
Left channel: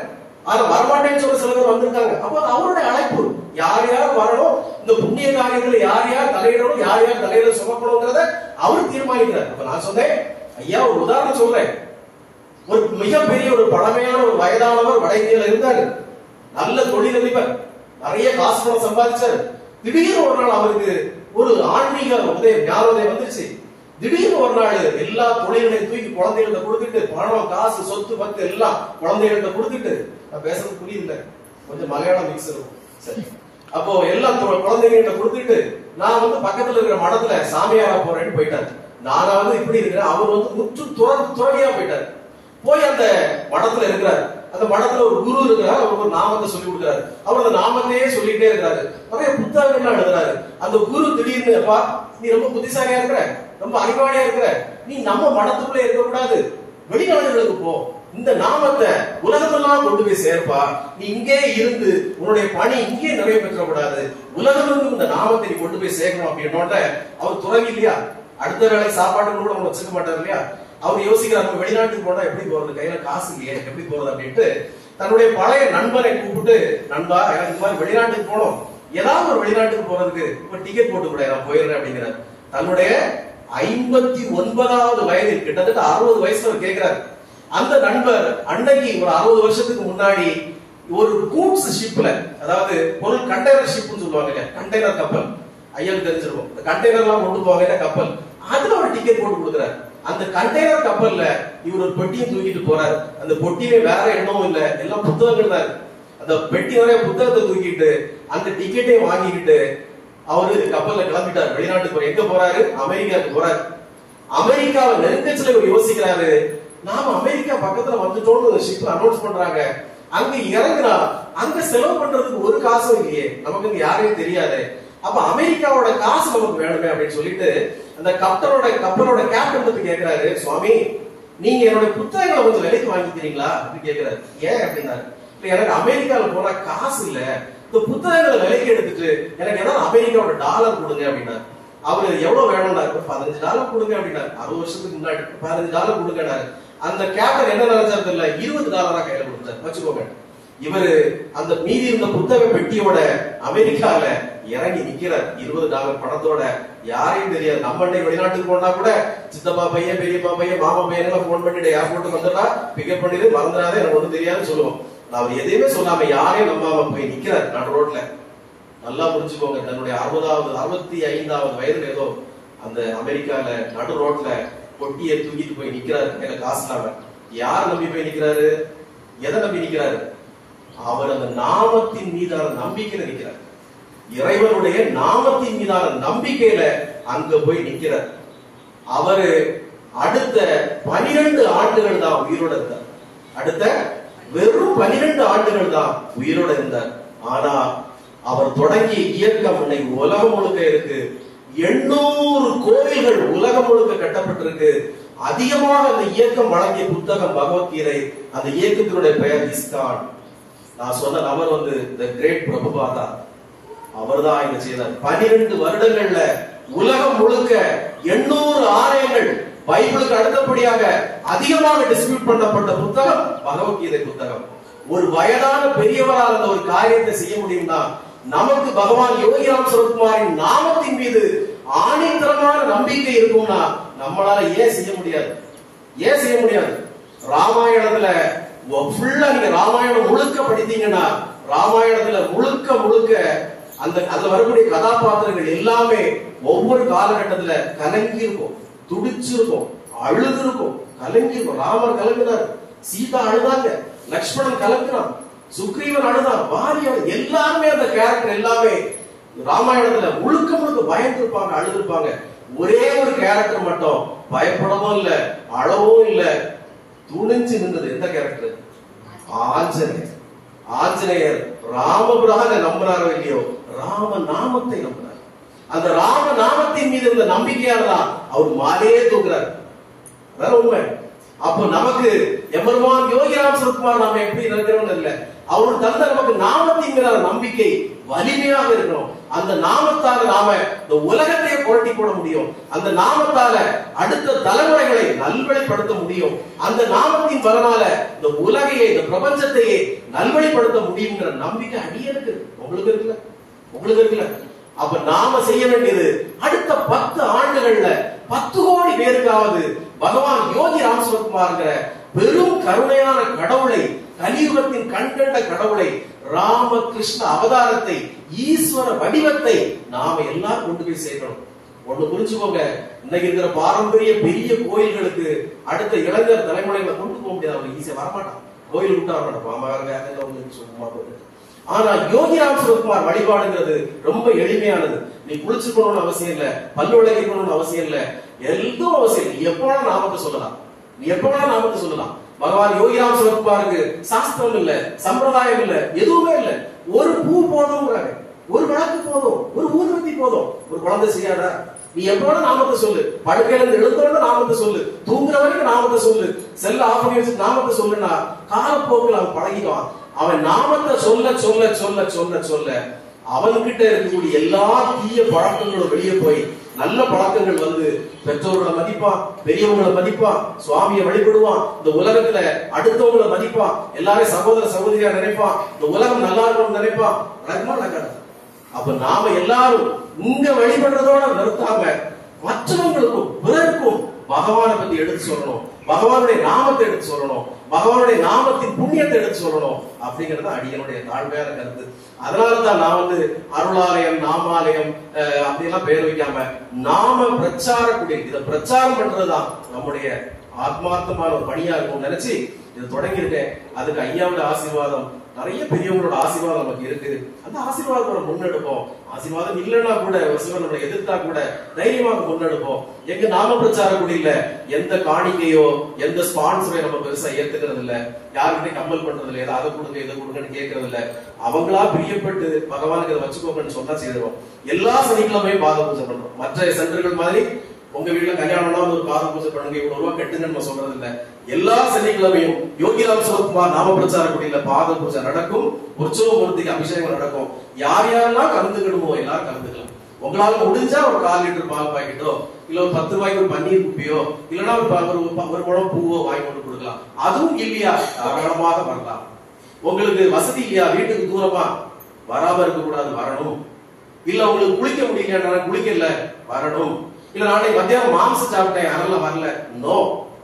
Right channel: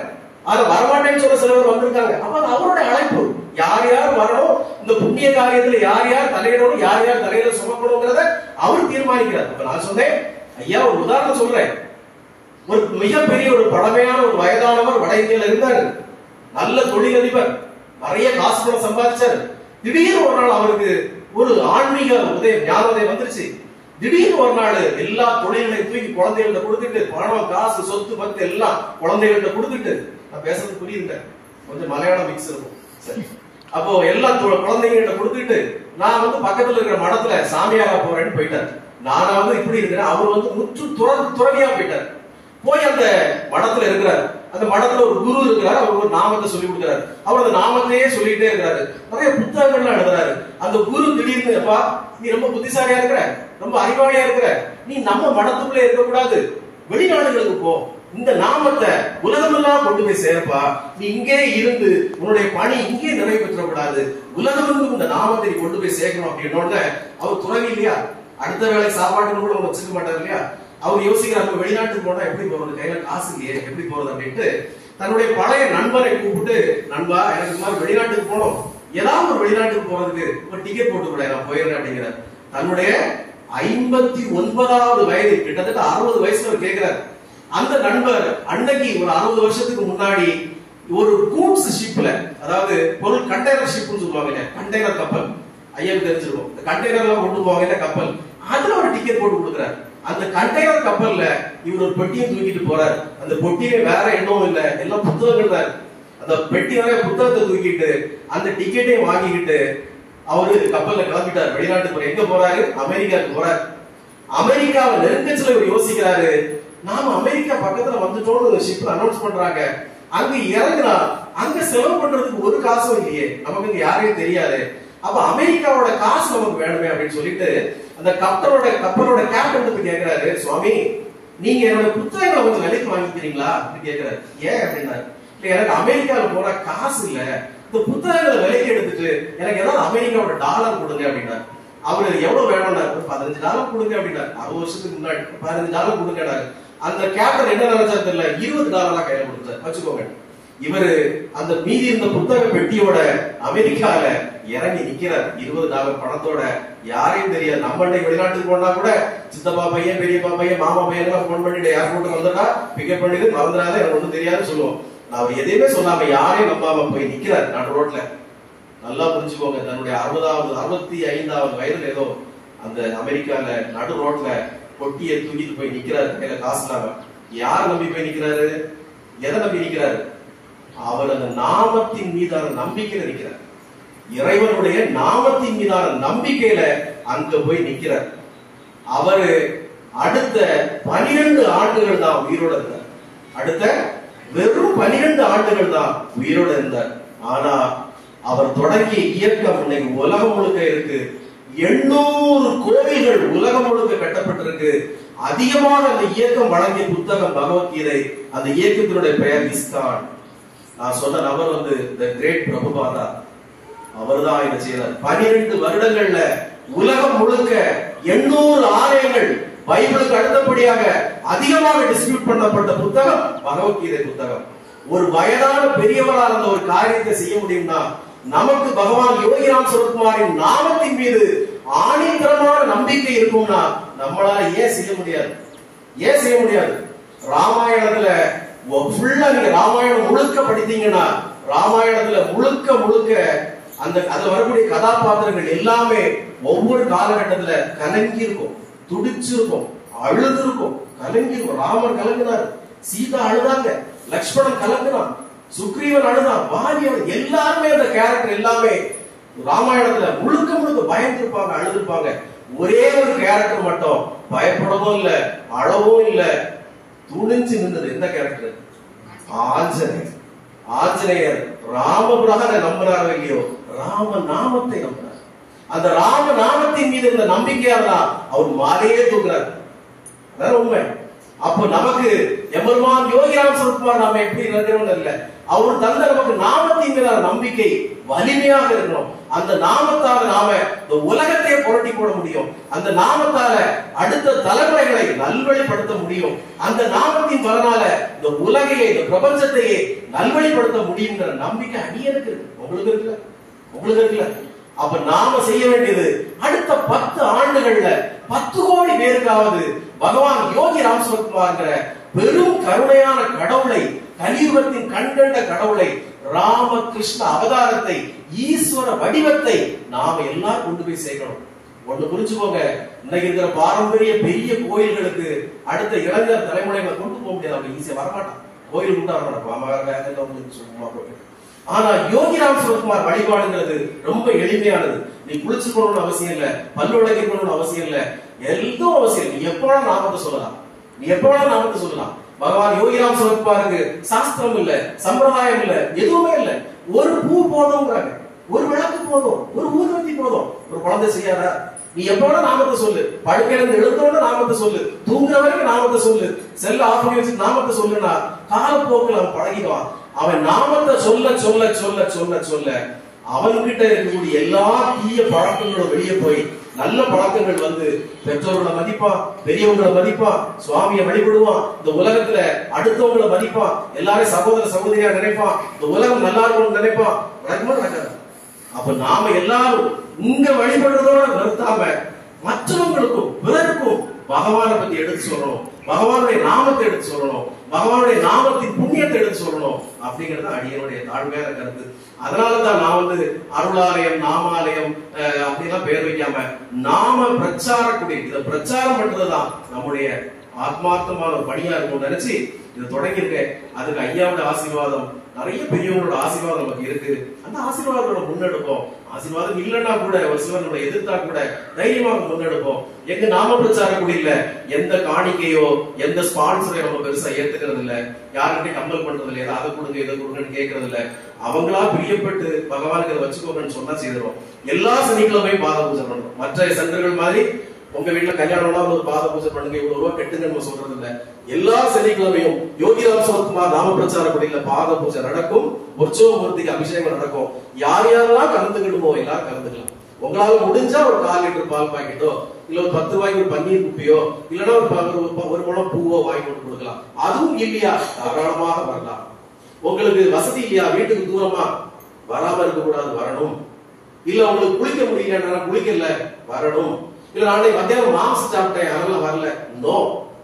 அது வரமாட்டேன்னு சொல்ல சில பேர் வந்திருக்காங்க. அப்ப அவருடைய அழைப்பு, யார் யார் வரணும், இந்த புண்ணிய காரியத்துல யார் யார் தலையிடணும், யார் யார் தலையில சுமக்கணுங்கிறத அவர் தீர்மானிக்கிறார். அப்ப நான் சொன்னேன், ஐயா ஒரு உதாரணம் சொல்றேன். ஒரு மிகப்பெரிய ஒரு பழமையான ஒரு வயதானவர் வட இந்தியால இருந்தாரு, நல்ல தொழிலதிபர், நிறைய காசு பணம் சம்பாதிச்சாரு. திடீர்னு ஒரு நாள் அவருக்கு ஒரு ஆன்மீக உதயம் ஞானோதயம் வந்துருச்சு. திடீர்னு ஒரு நாள் எல்லா தொழில்களையும் தூக்கி குழந்தைகள்ட்ட கொடுத்துட்டு, பணம் காசு சொத்து பத்து எல்லாம் குழந்தைகள்ட்ட கொடுத்துட்டு, நான் பேசுறது புரியுங்க, கொஞ்சம் மலையாளம் மிக்ஸ் இருக்கும். சரி, அப்போ எல்லா குழந்தைகிட்ட கொடுத்துட்டு நான் பக்கத்துல இருக்கிற மடத்துல சாமியாரா போறேன்னு போயிட்டாரு. நானா இப்படி இருக்கிறேன், அவர் முற்று துறவியா போயிட்டாரு. போய் அந்த மடத்துல இருக்கிறாரு. அந்த மடத்துல ஒரு குரு இருக்கிறார், அவர் ஒரு நாமத்தை சொல்லி கொடுக்கிறாரு. அவர் அந்த நாமத்தையே சொல்லிட்டே இருக்கிறாரு. நிறைய புத்தகங்கள்லாம் எழுதுறாரு. அந்த குரு திடீர்னு, அப்பா நீ ரொம்ப புத்திசாலியா இருக்கிற, ரொம்ப அறிவாளியா இருக்கிற, நீ நம்ம மடத்துக்குள்ளே இருக்கக்கூடாது, வெளிநாடுகளுக்கு போ, இந்த நாமத்தை உலகமெல்லாம் கொண்டு போய் சேர்ப்பா, நீ இங்கே இருந்து உன்னுடைய பணி இங்கே நிறைவேற்றக்கூடாது, உலகமெங்கும் இந்த நாமத்தை நீ கொண்டு போய் சேர்க்கணும் அப்படின்னோட அவர் துறவி இல்லையா, அடுத்த வேலை சாப்பாட்டுன்னு கூட அவங்க வச்சுக்க மாட்டார் இல்லையா. அவங்க யோசிக்கிறாங்க, வெளிநாட்டுக்கு போனா எப்படி போறது, கையில காசு இல்லையே எப்படி போறது அப்படின்ட்டு தன்னுடைய பழைய நண்பரை கூப்பிட்டு, நண்பா எனக்கு இந்த மாதிரி வெளிநாட்டுக்கு போனோம், ஏதாவது ஒரு வெளிநாட்டுக்கு போறதுக்கு ஒரு டிக்கெட் போட்டு கூட நான் போயிடுறேன் அப்படிங்கிறார். தன்னுடைய 59வது வயதில், கிட்டத்தட்ட 60 வயசுல அவர் கேட்கிறார். அந்த நண்பர் அன்னைக்கு ஒரு 60 வருஷத்துக்கு முன்னாடி ஒரு கூட்ஸ் ஷிப்ல, அதாவது பொருள் கண்டெய்னர் ஷிப்னு சொல்லுவாங்க, கண்டெய்னர் கப்பல், ஐயாவுக்கு தெரிஞ்சிருக்கும். இந்த கண்டெய்னர் எல்லாம் கொண்டு போவாங்க கப்பல், அதுல ஒரு டிக்கெட் போட்டு கொடுக்குறாரு. அந்த கண்டெய்னர் கப்பல்ல இவர் ஒரு பெட்டியை தூக்கிட்டு போறாரு. அந்த பொட்டியில வேற எண்ணமும் இல்ல, எல்லாம் புத்தகங்கள் தான். அந்த பெட்டி நிறைய புத்தகத்தை தூக்கிட்டு அந்த டிக்கெட்டையும் வாங்கிக்கிட்டு அவரு கப்பல்ல கிளம்பிட்டாரு. வெளிநாட்டுக்கு போற, எங்க போறாரு? அமெரிக்காவுக்கு போறாரு. அமெரிக்காவை நெருங்கச்சில இவர் யோசிக்கிறாரு, நாம அமெரிக்கா பக்கத்துல வந்துட்டோம்னு ஷிப் அனௌன்ஸ் பண்றாங்க. அங்க இறங்குனா அங்க செலவு பண்றதுக்கு ஒரு காசும் இல்லையே, நமக்கு இங்க யாரையும் தெரியாது. அப்ப அமெரிக்காவோட காசு நமக்கு வேணுமே அப்படின்னு சொல்லிட்டு அந்த கப்பலோட கேப்டன் வந்து கேட்கிறாரு, சுவாமி நீங்க என்னோட புத்தகங்களை கொஞ்சம் விலைக்கு வாங்கிக்கிறீங்களா அப்படின்னு கேட்கிறாரு. ஏன் அப்படின்னா, எனக்கு அமெரிக்காவில் போற காசு இல்ல, இந்த புத்தகங்களை விலைக்கு எடுத்துட்டு எனக்கு ஏதாவது அமெரிக்காவோட டாலர் கொடுங்க அப்படின்னா. அவரு எவ்வளவு வேணும்னாரு, $15 கொடுங்க அப்படின்னாரு. 60 வருஷத்துக்கு முன்னாடி $15 கொடுங்கனாரு. அந்த கேப்டன் என்ன நினைச்சாரு தெரியல, $20 கையில கொடுத்தாரு. வச்சுக்கோங்க. இவரு அந்த மீதி இருந்த புத்தக பெட்டியோட அமெரிக்கால இறங்கி நிக்கிறார். $20 பணத்தோட. யாரையும் தெரியாது. நம்ம வெளிநாட்டுக்கு போனா கூட சித்தப்பா பையன், பெரியப்பா பையன், மாமா பையன் போன் பண்ணிட்டு ஏர்போர்ட்டுக்கு வந்துடா, பிக்கப் பண்ணிட்டு மறந்துடாத, எனக்கு ஒண்ணும் தெரியாதுன்னு சொல்லுவோம். அவர் எதையுமே சொல்லாம யாரையும் நம்பாம போய் நிக்கிறார் நடு ரோட்ல. நல்லா புரிஞ்சுக்கோங்க, தன்னுடைய 65வது வயதுல ஏதோ அந்த அமெரிக்கால நடு ரோட்ல பொட்டியை தூக்கிட்டு போய் நிக்கிறாரு. கையில காசு இல்லாம. யார் நம்பி போய் நிக்கிறாரு? எதை நம்பி நிக்கிறாரு? அவர் அந்த நாமத்தின் மீதான நம்பிக்கையில நிக்கிறார். இறைவனுடைய நாமத்தின் மீதான நம்பிக்கையில அங்க போய் நிக்கிறார். அவரு அடுத்த 12 ஆண்டுகள் தான் உயிரோட இருந்தார். அடுத்த வெறும் 12 ஆண்டுகள் தான் உயிரோட இருந்தார். ஆனா அவர் தொடங்கிய இயக்கம் இன்னைக்கு உலகம் முழுக்க இருக்கு. 800 கோவில்கள் உலகம் முழுக்க கட்டப்பட்டிருக்கு. அதிகமாக அந்த இயக்கம் வழங்கிய புத்தகம் பகவத்கீதை. அந்த இயக்கத்தினுடைய பெயர் இஸ்கான். நான் சொன்ன நபர் வந்து தி கிரேட் பிரபுபாதா. அவர் தான் இதை செய்தார். 12 வருடங்கள்ல உலகம் முழுக்க 800 ஆலயங்கள், பைபிளுக்கு அடுத்தபடியாக அதிகமாக டிஸ்ட்ரிபியூட் பண்ணப்பட்ட புத்தகம் பகவத்கீதை புத்தகம். ஒரு வயதான பெரியவரால் அந்த ஒரு காரியத்தை செய்ய முடியும்னா, நமக்கு பகவான் யோகிராம் சுரத்குமாரின் நாமத்தின் மீது ஆணித்தரமான நம்பிக்கை இருக்கும்னா நம்மளால ஏன் செய்ய முடியாது? ஏன் செய்ய முடியாது? ராமாயணத்துல ஃபுல்லா நீங்க ராமாயணம் முழுக்க படித்தீங்கன்னா, ராமாயணத்துல முழுக்க அந்த அதுல வரக்கூடிய கதாபாத்திரங்கள் எல்லாமே ஒவ்வொரு காலகட்டத்துல கலங்கி இருக்கும், துடிச்சிருக்கும், அழுது இருக்கும், கலங்கி இருக்கும். ராமர் கலங்குனார், சீதா அழுதாங்க, லக்ஷ்மணன் கலங்குனான், சுக்ரீவன் அழுதான், வாலியவன், எல்லாருமே அந்த கேரக்டர் எல்லாமே ராமாயணத்துல முழுக்க பயந்துருப்பாங்க, அழுதுருப்பாங்க. ஒரே ஒரு கேரக்டர் மட்டும் பயப்படவும் இல்ல, அழவும் இல்ல, துணிஞ்சு நின்றது. எந்த கேரக்டர்? ஆஞ்சநேயர். ஆஞ்சநேயர் ராமபிரானை நம்பினாரோ இல்லையோ, ராம நாமத்தை நம்பினார். அந்த ராம நாமத்தின் மீது இருந்த நம்பிக்கையால அவர் மாலையே தூக்குறார். வேற உண்மை. அப்ப நமக்கு எம்பெருமான் யோகிராம் சுரத்குமார் நாம எப்படி இருக்கிறோம் இல்ல, அவர் தந்த நமக்கு நாமத்தின் மீதான நம்பிக்கை வலிமையாக இருக்கணும். அந்த நாமத்தால நாம இந்த உலகத்தையே புரட்டி போட முடியும். அந்த நாமத்தால அடுத்த தலைமுறைகளை நல்வழிப்படுத்த முடியும். அந்த நாமத்தின் பலனால இந்த உலகையே, இந்த பிரபஞ்சத்தையே நல்வழிப்படுத்த முடியுங்கிற நம்பிக்கை அடியனுக்கு இருக்கு. உங்களுக்கு இருக்குல்ல? உங்களுக்கு இருக்குல்ல? அப்ப நாம செய்ய வேண்டியது, அடுத்த 10 ஆண்டுகள்ல 10 கோடி பேருக்காவது பகவான் யோகி ராம் சுரத்குமார்ங்கிற பெரும் கருணையான கடவுளை, கலியுகத்தின் கண்கண்ட கடவுளை, ராமகிருஷ்ண அவதாரத்தை, ஈஸ்வர வடிவத்தை நாம எல்லாரும் கொண்டு போய் சேர்க்கணும். ஒண்ணு புரிஞ்சுக்கோங்க, இன்னைக்கு இருக்கிற பாரம்பரிய பெரிய கோயில்களுக்கு அடுத்த இளைஞர் தலைமுறைகளை கொண்டு போக முடியாது. அவங்க ஈஸியா வரமாட்டான். கோயில் விட்டா வரமாட்டான், சும்மா போயிட்டு. ஆனா யோகிராம் சுரத்குமார் வழிபாடுங்கிறது ரொம்ப எளிமையானது. நீ குளிச்சு போகணும்னு அவசியம் இல்ல, பல்லு விளக்கணும்னு அவசியம் இல்ல, எதுவும் அவசியம் இல்லை. நீ எப்ப வேணா நாமத்தை சொல்லலாம், நீ எப்ப வேணா நாமத்தை சொல்லலாம். பகவான் யோகிராம் சுரத்குமாருக்கு சாஸ்திரம் இல்ல, சம்பிரதாயம் இல்ல, எதுவுமே இல்ல. ஒரு பூ போதும், ஒரு விளக்கு போதும், ஒரு ஊர்வத்தி போதும். ஒரு குழந்தை செய்யாதா? நீ எப்போட நாமத்தை சொல்லு, படுக்கையில எழுந்தோட நாமத்தை சொல்லு, தூங்குற வரைக்கும் நாமத்தை சொல்லு, செல்ல ஆஃப் பண்ணி வச்சு நாமத்தை சொல்லுன்னா காலப்போக்கில் அவன் பழகிடுவான். அவன் நாமத்தை சொல்ல சொல்ல சொல்ல சொல்ல சொல்ல அவன்கிட்ட இருக்கக்கூடிய எல்லா தீய பழக்கங்களும் வெளியே போய் நல்ல பழக்கங்கள் வந்து பெற்றோர்களை மதிப்பான், பெரியவங்களை மதிப்பான், சுவாமியை வழிபடுவான், இந்த உலகத்துல அடுத்தவங்களை மதிப்பான், எல்லாரும் சகோதர சகோதரியா நினைப்பான், இந்த உலகம் நல்லா இருக்கும்னு நினைப்பான். நடக்காது. அப்ப நாம எல்லாரும் இங்க வழிபடுறதோட நிறுத்தாம மற்றவங்களுக்கும் பிறருக்கும் பகவானை பத்தி எடுத்து சொல்லணும், பகவானுடைய நாமத்தை எடுத்து சொல்லணும், பகவானுடைய நாமத்தின் புண்ணியத்தை எடுத்து சொல்லணும் அப்படிங்கறது அடியனுடைய தாழ்மையான கருத்து. அதனாலதான் நான் அருளாலயம், நாமாலயம் அப்படிலாம் பேர் வைக்காம நாம பிரச்சார குடி, இதை பிரச்சாரம் பண்றதுதான் நம்முடைய ஆத்மார்த்தமான ஒரு பணியா இருக்கும் நினைச்சு இது தொடங்கி இருக்கேன். அதுக்கு ஐயாவோட ஆசீர்வாதம், நிறைய பெரியவங்களோட ஆசீர்வாதம் நமக்கு இருக்கு. அந்த ஆசீர்வாதத்தோட முன்னெடுப்போம். ஆசீர்வாதம் இல்லைன்னா கூட ஒரு சிலர் நம்மளை எதிர்த்தா கூட தைரியமாக முன்னெடுப்போம். எங்க நாம பிரச்சார குடியில எந்த காணிக்கையோ எந்த ஸ்பான்சரையோ நம்ம பெருசா ஏத்துக்கிறது இல்ல, யாருக்கிட்டையும் கம்பல் பண்றது இல்ல, அதை கொடுங்க இதை கொடுங்கன்னு கேட்கறது இல்ல. அவங்களா பிரியப்பட்டு பகவானுக்கு அதை வச்சுக்கோங்கன்னு சொன்னா செய்திருவோம். எல்லா சனிக்கிழமையும் பாத பூஜை பண்றோம். மற்ற சென்டர்கள் மாதிரி உங்க வீட்டுல கல்யாணம்னா ஒரு பாத பூஜை பண்ணுங்க, இவ்வளவு ரூபா கட்டுங்கன்னு நம்ம சொல்றது இல்ல. எல்லா சனிக்கிழமையும் யோகிராம் சுரத்குமார் நாம பிரச்சார குடியில பாத பூஜை நடக்கும், உற்சவ மூர்த்திக்கு அபிஷேகம் நடக்கும். யார் யாரெல்லாம் கலந்துக்கிடுமோ எல்லாரும் கலந்துக்கலாம். உங்களால முடிஞ்சா ஒரு 1/4 லிட்டர் பால் பாக்கெட்டோ, இல்ல ஒரு 10 ரூபாய்க்கு ஒரு பன்னீர் குப்பியோ, இல்லன்னா ஒரு முழம் பூவோ வாங்கி கொண்டு கொடுக்கலாம். அதுவும் இல்லையா தாராளமாக வரலாம். உங்களுக்கு வசதி இல்லையா, வீட்டுக்கு தூரமா, வராம இருக்க கூடாது, வரணும். இல்ல உங்களுக்கு குளிக்க முடியல, குளிக்கல, வரணும். இல்ல நாளைக்கு மத்தியானம் மாம்சம் சாப்பிட்டேன் அதெல்லாம் வரல, நோ,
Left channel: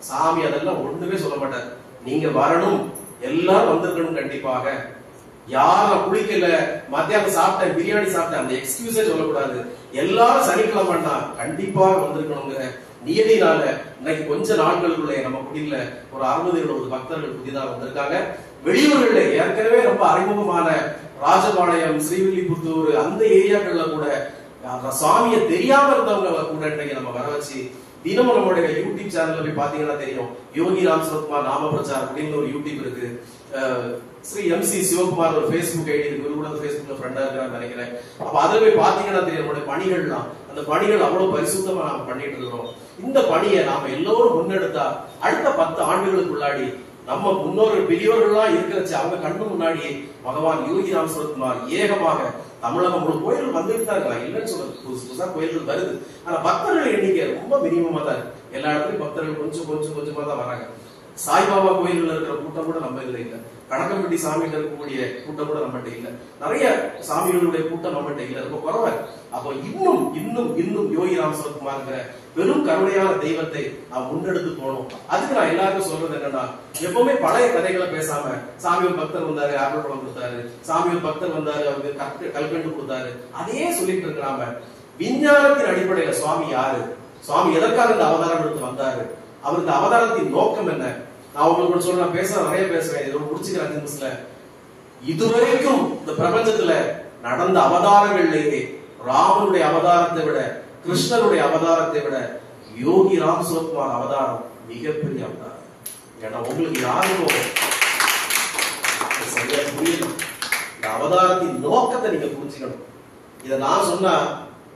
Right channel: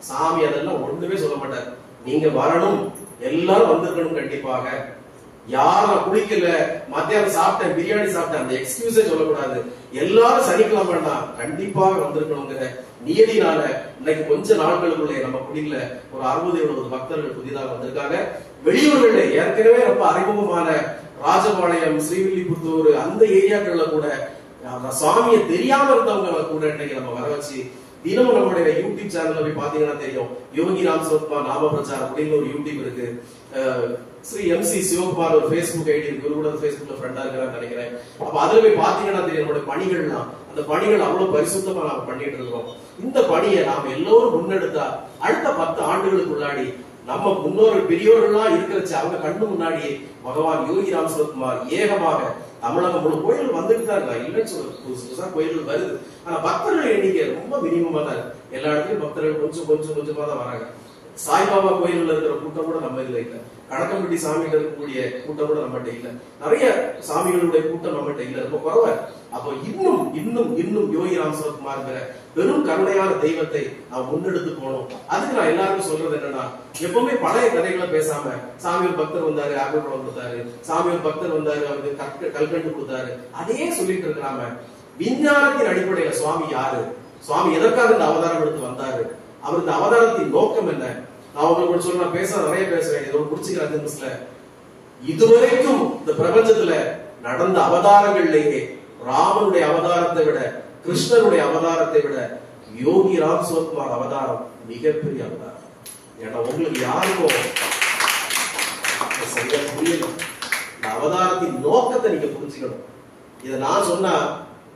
சாமி அதெல்லாம் ஒண்ணுமே சொல்ல மாட்டார். நீங்க வரணும், எல்லாரும் வந்திருக்கணும். கண்டிப்பாக யாரும் குளிக்கல, மத்தியானம் சாப்பிட்டேன், பிரியாணி சாப்பிட்டேன், அந்த எக்ஸ்கியூஸே சொல்லக்கூடாது. எல்லாரும் சனிக்கிழமைன்னா கண்டிப்பாக வந்திருக்கணுங்கிற நியதினால இன்னைக்கு கொஞ்ச நாட்களுக்குள்ளே நம்ம குடியில ஒரு 60-70 பக்தர்கள் புதிதாக வந்திருக்காங்க. வெளியூர்களே ஏற்கனவே ரொம்ப அறிமுகமான ராஜபாளையம், ஸ்ரீவில்லிபுத்தூர் அந்த ஏரியாக்கள்ல கூட சுவாமியை தெரியாம இருந்தவங்க கூட இன்னைக்கு நம்ம வர வச்சு தினமும் நம்மளுடைய யூடியூப் சேனல்ல போய் பாத்தீங்கன்னா தெரியும். யோகிராம் சுரத்குமார் நாம பிரச்சாரம் அப்படின்னு ஒரு யூடியூப் இருக்கு. ஸ்ரீ MC சிவகுமார் ஒரு Facebook ஐடி இருக்கு, இவரு கூட Facebookல ஃப்ரெண்டா இருக்கான்னு நினைக்கிறேன். அப்ப அதுல போய் பாத்தீங்கன்னா தெரியும் நம்மளுடைய பணிகள்லாம். அந்த பணிகள் அவ்வளவு பரிசுத்தமா நாம பண்ணிட்டு இருக்கிறோம். இந்த பணியை நாம எல்லோரும் முன்னெடுத்தா அடுத்த 10 ஆண்டுகளுக்குள்ளாடி நம்ம முன்னோர்கள் பெரியவர்கள்லாம் இருக்கிறச்சு அவங்க கண்ணு முன்னாடி பகவான் யோகிராம் சுரத்குமார் ஏகமாக தமிழகம் முழு கோயில் வந்துட்டு தான் இருக்காங்க. இல்லைன்னு சொல்றது, புதுசு புதுசா கோயில்கள் வருது. ஆனா பக்தர்கள் எண்ணிக்கை ரொம்ப மினிமமா தான் இருக்கு. எல்லா இடத்துலயும் பக்தர்கள் கொஞ்சமா தான் வராங்க. சாய்பாபா கோயில்ல இருக்கிற கூட்டம் கூட நம்ம இதுல இல்ல. கடக்கம்பட்டி சாமியில இருக்கக்கூடிய கூட்டம் கூட நம்மகிட்ட இல்ல. நிறைய சாமிகளுடைய கூட்டம் நம்மகிட்ட இல்ல, ரொம்ப குறைவா. அப்போ இன்னும் இன்னும் இன்னும் யோகிராம் சுரத்குமார்ங்கிற பெரும் கருணையான தெய்வத்தை நாம் முன்னெடுத்து போகணும். அதுக்கு நான் எல்லாருக்கும் சொல்றது என்னன்னா, எப்பவுமே பழைய கதைகளை பேசாம சாமி ஒரு பக்தர் வந்தாரு, ஆப்பிள் பழம் கொடுத்தாரு, சாமி ஒரு பக்தர் வந்தாரு, அவருக்கு கல்கண்டு கொடுத்தாரு, அதையே சொல்லிட்டு இருக்கிறாம விஞ்ஞானத்தின் அடிப்படையில சுவாமி யாரு, சுவாமி எதற்காக இந்த அவதாரம் எடுத்து வந்தாரு, அவருக்கு அவதாரத்தின் நோக்கம் என்ன. நான் உங்களுக்கு சொல்ல, நான் நிறைய பேசுவேன், இது முடிச்சுக்கிறேன் 5 நிமிஷத்துல. இதுவரைக்கும் இந்த பிரபஞ்சத்துல நடந்த அவதாரங்கள்லேயே ராமனுடைய அவதாரத்தை விட, கிருஷ்ணனுடைய அவதாரத்தை விட யோகிராம் சுரத்குமார் அவதாரம் மிகப்பெரிய அவதாரம். ஏன்னா உங்களுக்கு யாருக்கும் சரியா புரியல. இந்த அவதாரத்தின் நோக்கத்தை நீங்க புரிஞ்சுக்கணும். இதை நான் சொன்னா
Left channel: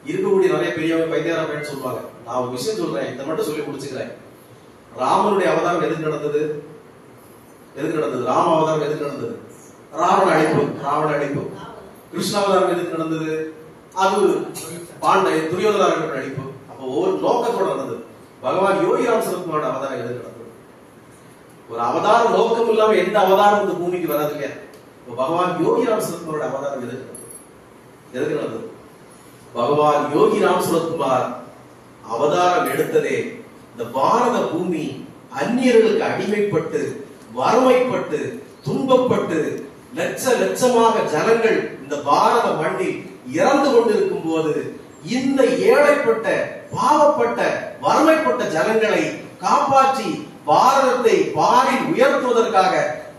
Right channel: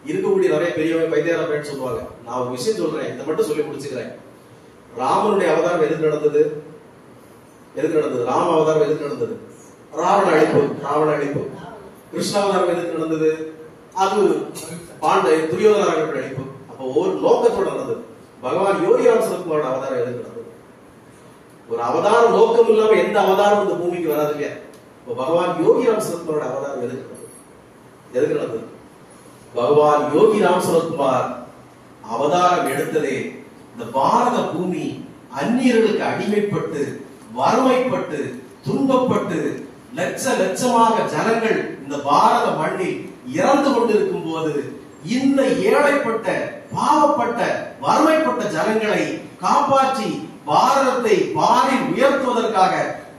இருக்கக்கூடிய நிறைய பெரியவங்க பைத்தியாரப்பேன்னு சொல்லுவாங்க. நான் ஒரு விஷயம் சொல்றேன், இதை மட்டும் சொல்லி முடிச்சுக்கிறேன். ராமனுடைய அவதாரம் எதுக்கு நடந்தது? ராம அவதாரம் எதுக்கு நடந்தது? ராவண அழிப்பு. கிருஷ்ண அவதாரம் எதுக்கு நடந்தது? அது துரியோதன அழிப்பு. அப்போ ஒரு நோக்கத்தோட நடந்தது. பகவான் யோகிராம் சுரத்குமாரோட அவதாரம் எதுக்கு நடந்தது? ஒரு அவதார நோக்கம் இல்லாம எந்த அவதாரம் இந்த பூமிக்கு வராது இல்லையா? பகவான் யோகிராம் சுரத்குமாரோட அவதாரம் எதுக்கு நடந்தது? பகவான் யோகிராம் சுரத்குமார் அவதாரம் எடுத்ததே இந்த பாரத பூமி அந்நியர்களுக்கு அடிமைப்பட்டு, வறுமைப்பட்டு, துன்பப்பட்டு, லட்சமாக ஜனங்கள் இந்த பாரத மண்ணில் இறந்து கொண்டிருக்கும் போது இந்த ஏழைப்பட்ட, பாவப்பட்ட, வறுமைப்பட்ட ஜனங்களை காப்பாற்றி பாரதத்தை பாரில் உயர்த்துவதற்காக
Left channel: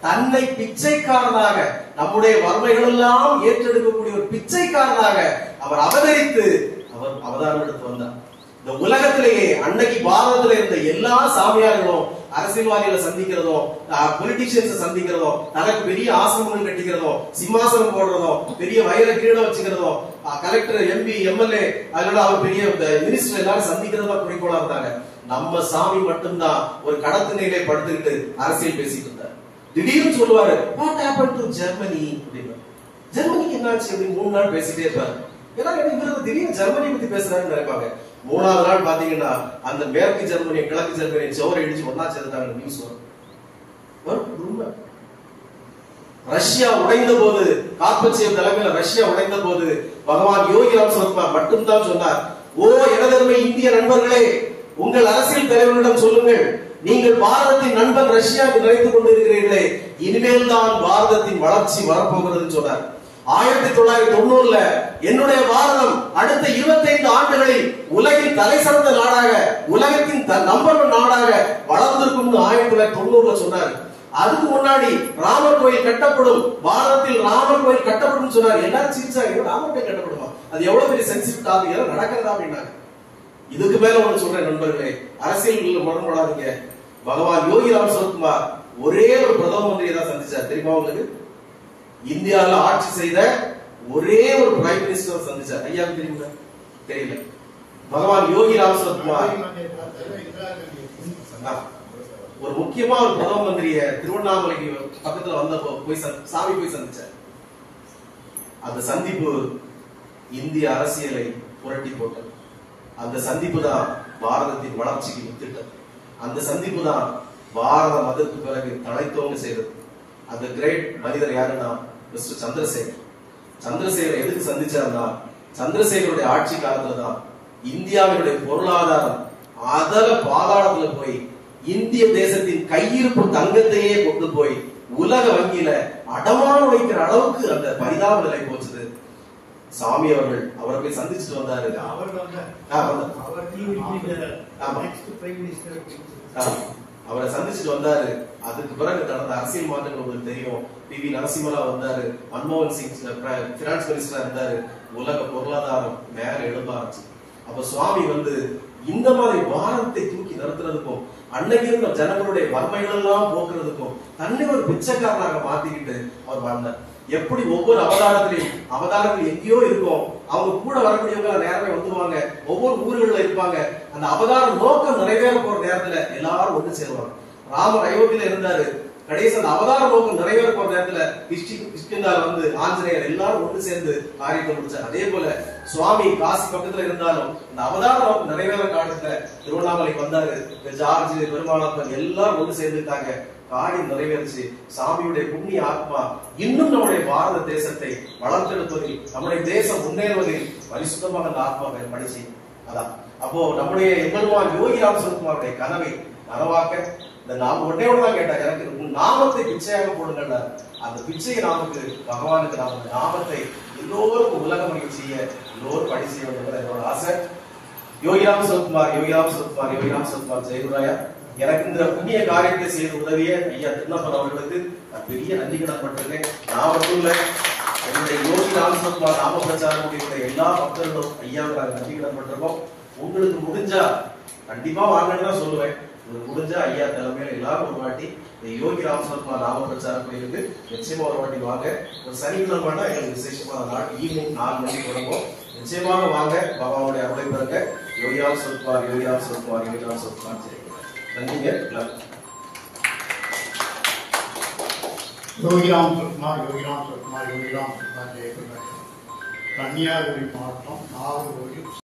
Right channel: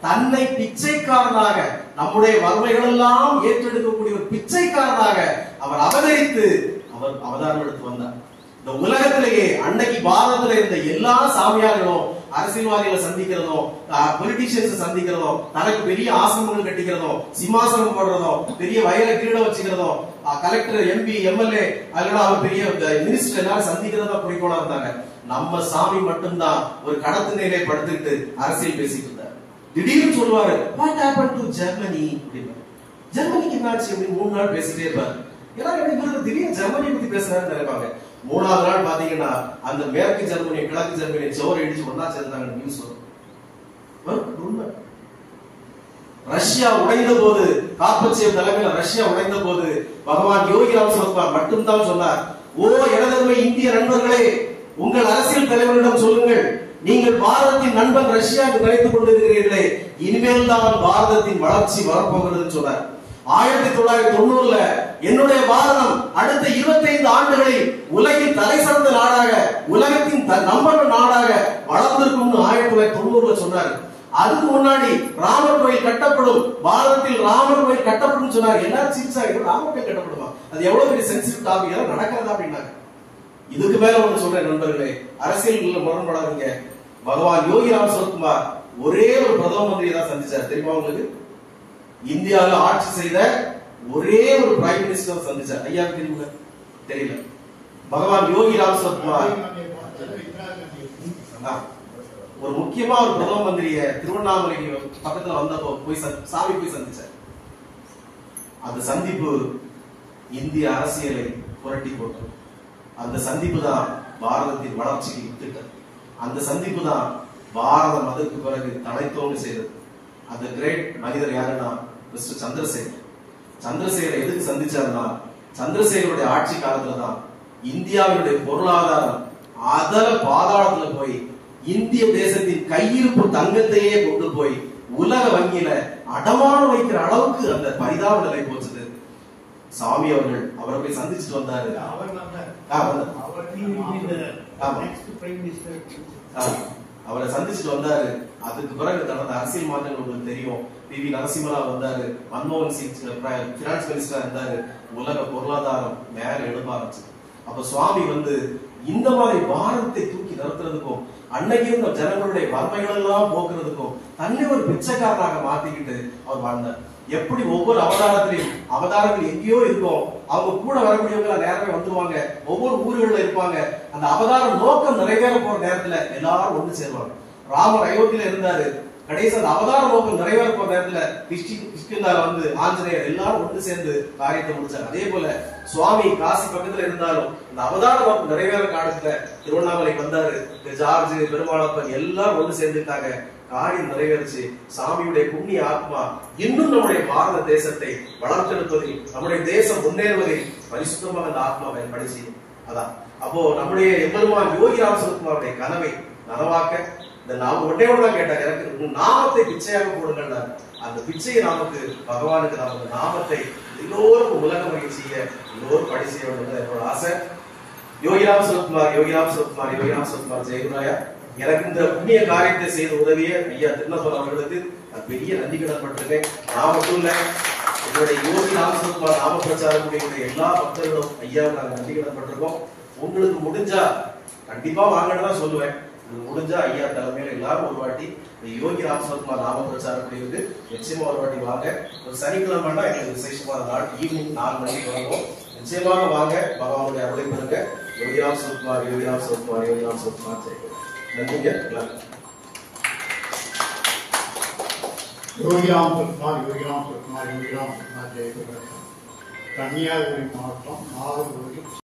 தன்னை பிச்சைக்காரனாக, நம்முடைய வறுமைகள் எல்லாம் ஏற்றெடுக்கக்கூடிய ஒரு பிச்சைக்காரனாக அவர் அவதரித்து அவர் அவதாரம் எடுத்து வந்தார். இந்த உலகத்திலேயே அன்னைக்கு பாரதத்துல இருந்த எல்லா சாமியார்களும் அரசியல்வாதிகளை சந்திக்கிறதோ, பொலிட்டிஷியன்ஸ் சந்திக்கிறதோ, தனக்கு பெரிய ஆசிரமங்கள் கட்டிக்கிறதோ, சிம்மாசனம் போடுறதோ, பெரிய வயல கீழே வச்சுக்கிறதோ, கலெக்டர், MP, MLA, அதனால அவர் பெரிய மினிஸ்டர் எல்லாரும் சந்திக்கிறதா குறிக்கோளா இருந்தாங்க. நம்ம சாமி மட்டும்தான் ஒரு கடத்து நிலை படுத்துக்கிட்டு அரசியல் பேசிட்டு இருந்தார். திடீர்னு சொல்லுவாரு, வாட் ஹேப்பன் டு ஜெர்மனி அப்படின்னு. ஜெர்மனிக்கு என்னாச்சு அப்படின்னு 3 நாள் பேசிட்டே இருப்பாரு. எல்லாரும் இவரு திடீர்னு ஜெர்மனி பத்தி பேசுறாருன்னு நினைப்பாங்க. 3ஆவது நாள் பாத்தீங்கன்னா அந்த மேற்கு ஜெர்மனி, கிழக்கு ஜெர்மனி சோறு இடிச்சு ஒன்னா சேர்ந்தாங்க நியூஸ் வரும். ரஷ்யா உடைந்த போது, கார்பச்சேவ் தலைமையில ரஷ்யா உடைந்த போது பகவான் யோகிராம் சுரத்குமார் மட்டும்தான் சொன்னார், ஓ எனதருமை இந்திய நண்பர்களே, உங்கள் அரசியல் தலைவரிடம் சொல்லுங்கள், நீங்கள் பாரதத்தின் நண்பன் ரஷ்யா என்று நினைத்துக் கொண்டிருக்கிறீர்களே, இனிமேல் தான் பாரதத்தின் வளர்ச்சி வரப்போகிறது சொன்னார். 1990 என்னுடைய பாரதம் அடுத்த 25 ஆண்டுகளில் உலகின் தலை சிறந்த நாடாக, உலகத்தின் நம்பர் 1 நாடாக வளர்ந்திருக்கும் 1990 சொன்னார். அதுக்கு முன்னாடி ராமர் கோயில் கட்டப்படும், பாரதத்தில் ராமர் கோயில் கட்டப்படும் சொன்னார். எல்லாரும் சிரிச்சாங்க, ராமர் கோயில் கட்டப்படுமா, அது எவ்வளவு பெரிய சென்சிட்டிவ் டாபிக், எல்லாம் நடக்கிறதா அப்படின்னாங்க. இதுக்கு மேல ஒன்று சொல்றேன் நண்பர்களே, அரசியல் முரண்படாதீங்க. பகவான் யோகி ராம் சுரத்குமார் ஒரே ஒரு பிரதம மந்திரியை தான் சந்திச்சார். தெரியுமா உங்களுக்கு? இந்தியாவில் ஆட்சி செய்த ஒரே ஒரு பிரைம் மினிஸ்டர் சந்திச்சார். ஐயா தெரியுமா? தெரியல. பகவான் யோகி ராம் சுரத்குமார் ஒரு முக்கியமா ஒரு பிரதம மந்திரிய திருவண்ணாமலைக்கு பக்கத்துல வந்தப்போ போய் சாமி போய் சந்திச்சார். அந்த சந்திப்பு இந்திய அரசியலை புரட்டி போட்டது. அந்த சந்திப்பு தான் பாரதத்தின் வளர்ச்சிக்கு வித்திட்டது. அந்த சந்திப்பு தான் பாரதம் அதற்கு பிறகு தழைத்தோங்க செய்தது. அந்த கிரேட் மனிதர் யாருன்னா மிஸ்டர் சந்திரசேகர். சந்திரசேகர் எதுக்கு சந்திச்சார்னா, சந்திரசேகருடைய ஆட்சி காலத்துல தான் இந்தியாவினுடைய பொருளாதாரம் அதல பாதாளத்துல போய் இந்திய தேசத்தின் கையிருப்பு தங்கத்தையே கொண்டு போய் உலக வங்கியில அடமானம் வைக்கிற அளவுக்கு அந்த பரிதாப நிலை போச்சுது. சாமி அவர்கள் அவரை போய் சந்திச்சுட்டு வந்தாரு. அவரை சந்திச்சுட்டு வந்தாரு. அதுக்கு பிறகு நடந்த அரசியல் மாற்றங்கள் உங்களுக்கு தெரியும். பி.வி. நரசிம்மராவ் வந்தாரு, மன்மோகன் சிங் பினான்ஸ் மினிஸ்டரா இருந்தாரு. உலக பொருளாதாரம் மேல எழும்ப ஆரம்பிச்சு. அப்ப சுவாமி இந்த மாதிரி பாரதத்தை தூக்கி நிறுத்துறதுக்கும் அன்னைக்கு இருந்த ஜனங்களுடைய வறுமைகள் எல்லாம் போக்குறதுக்கும் தன்னை ஒரு பிச்சைக்காரனாக மாத்திக்கிட்டு அவர் வாழ்ந்தார். எப்படி ஒவ்வொரு அவதாரங்கள் எங்கேயோ இருக்கும், அவங்க கூட வரக்கூடியவங்க நேரமே வந்துருவாங்க, ஒவ்வொரு ஊர்கள்ல இருப்பாங்க. அந்த அவதார நோக்கம் நிறைவேற போற நேரத்துல எல்லாரும் ஒண்ணு சேருவாங்க. ராமர் அயோத்தியில இருந்தாரு, கடைசி அந்த அவதார நோக்கம் நிறைவேற போற நேரத்துல கிஷ்கிந்தால ஆஞ்சநேயர் எல்லாரும் ஒன்று சேர்ந்து காரியத்தை முடிச்சாங்க. அதே போல சுவாமி காசி பக்கத்துல இருந்தாலும் இந்த அவதார நோக்கம் நிறைவேற காலத்துல திருவண்ணாமலைக்கு வந்தாரு. ஜார்ஜ், பெருமாளப்பன் எல்லாரும் ஒன்று சேர்ந்துட்டாங்க. காரியம் நிறைவேறிச்சு. சாமியுடைய புண்ணிய ஆத்மா இன்னும் நம்முடைய பாரத தேசத்தை வளர்த்தெடுப்பதில், நம்முடைய தேசம் முன்னேறுவதில் பரிசுத்தமாக அந்த ஆத்மா பயன்படுத்தி அதான். அப்போ நம்முடைய எம்பெருமான் யோகி ராம் சுரத்குமாருடைய கனவை நனவாக்க இந்த ஒன்னே ஒன்றுதான் கேட்டாங்க, எனக்கு உன் நாமத்தை பிச்சையாக போடுங்கள். அந்த பிச்சையை நமக்கு பகவானுக்கு நாம் அந்த நாமத்தை எல்லோருக்கும் உலகம் செய்ய எல்லோரும் படி செய்ய வேண்டும் என்னோட ஆசை. யோகிராம் சுரத்குமார், யோகிராம் சுரத்குமார், யோகிராம் சுரத்குமார் ஜெயகுராயா, எனக்கு இந்த புண்ணிய காரியத்தை செய்து உதவிய ஐயா திருநப்பன் அவர்களுக்கு நான் பெரிய நன்றி கடன்பட்டிருக்கேன். நான் மட்டும் இல்ல, என்னுடைய யோகி ராம் சுரத்குமார் நாம பிரச்சாரம் கூடிய எல்லா பக்தர்களும் ஐயாவுக்கு நாங்கள் நன்றி கடன்பட்டிருக்கோம். உங்களுக்கு முடிஞ்சா கண்டிப்பா வாங்கன்னு தான் சொல்லுவேன். முடிஞ்சா ஐயா தலைமையில எல்லாரும் ஒரு வாட்டி இந்த யோகி ராம் சுரத்குமார் நாம பிரச்சாரம் கூடியது நிச்சயமா ஒரு வாட்டி வாங்க. ஒரு சனிக்கிழமைனா எங்களுக்கு விசேஷமான நாள், ஈவினிங் 4 மணிக்கு தொடங்கும். நிச்சயமாக வாங்க, பகவானுடைய அருளை பெறுங்க. யோகி ராம் சுரத்குமார், யோகி ராம் சுரத்குமார், யோகி ராம் சுரத்குமார் ஜெயகுரு. நன்றிங்க. யோகிராம் சுரத்குமார், யோகிராம் சுரத்குமார், யோகிராம் சுரத்குமார் ஜெயகுரு. கன்னியாகுமரி மாவட்டம் நாகர்கோவில்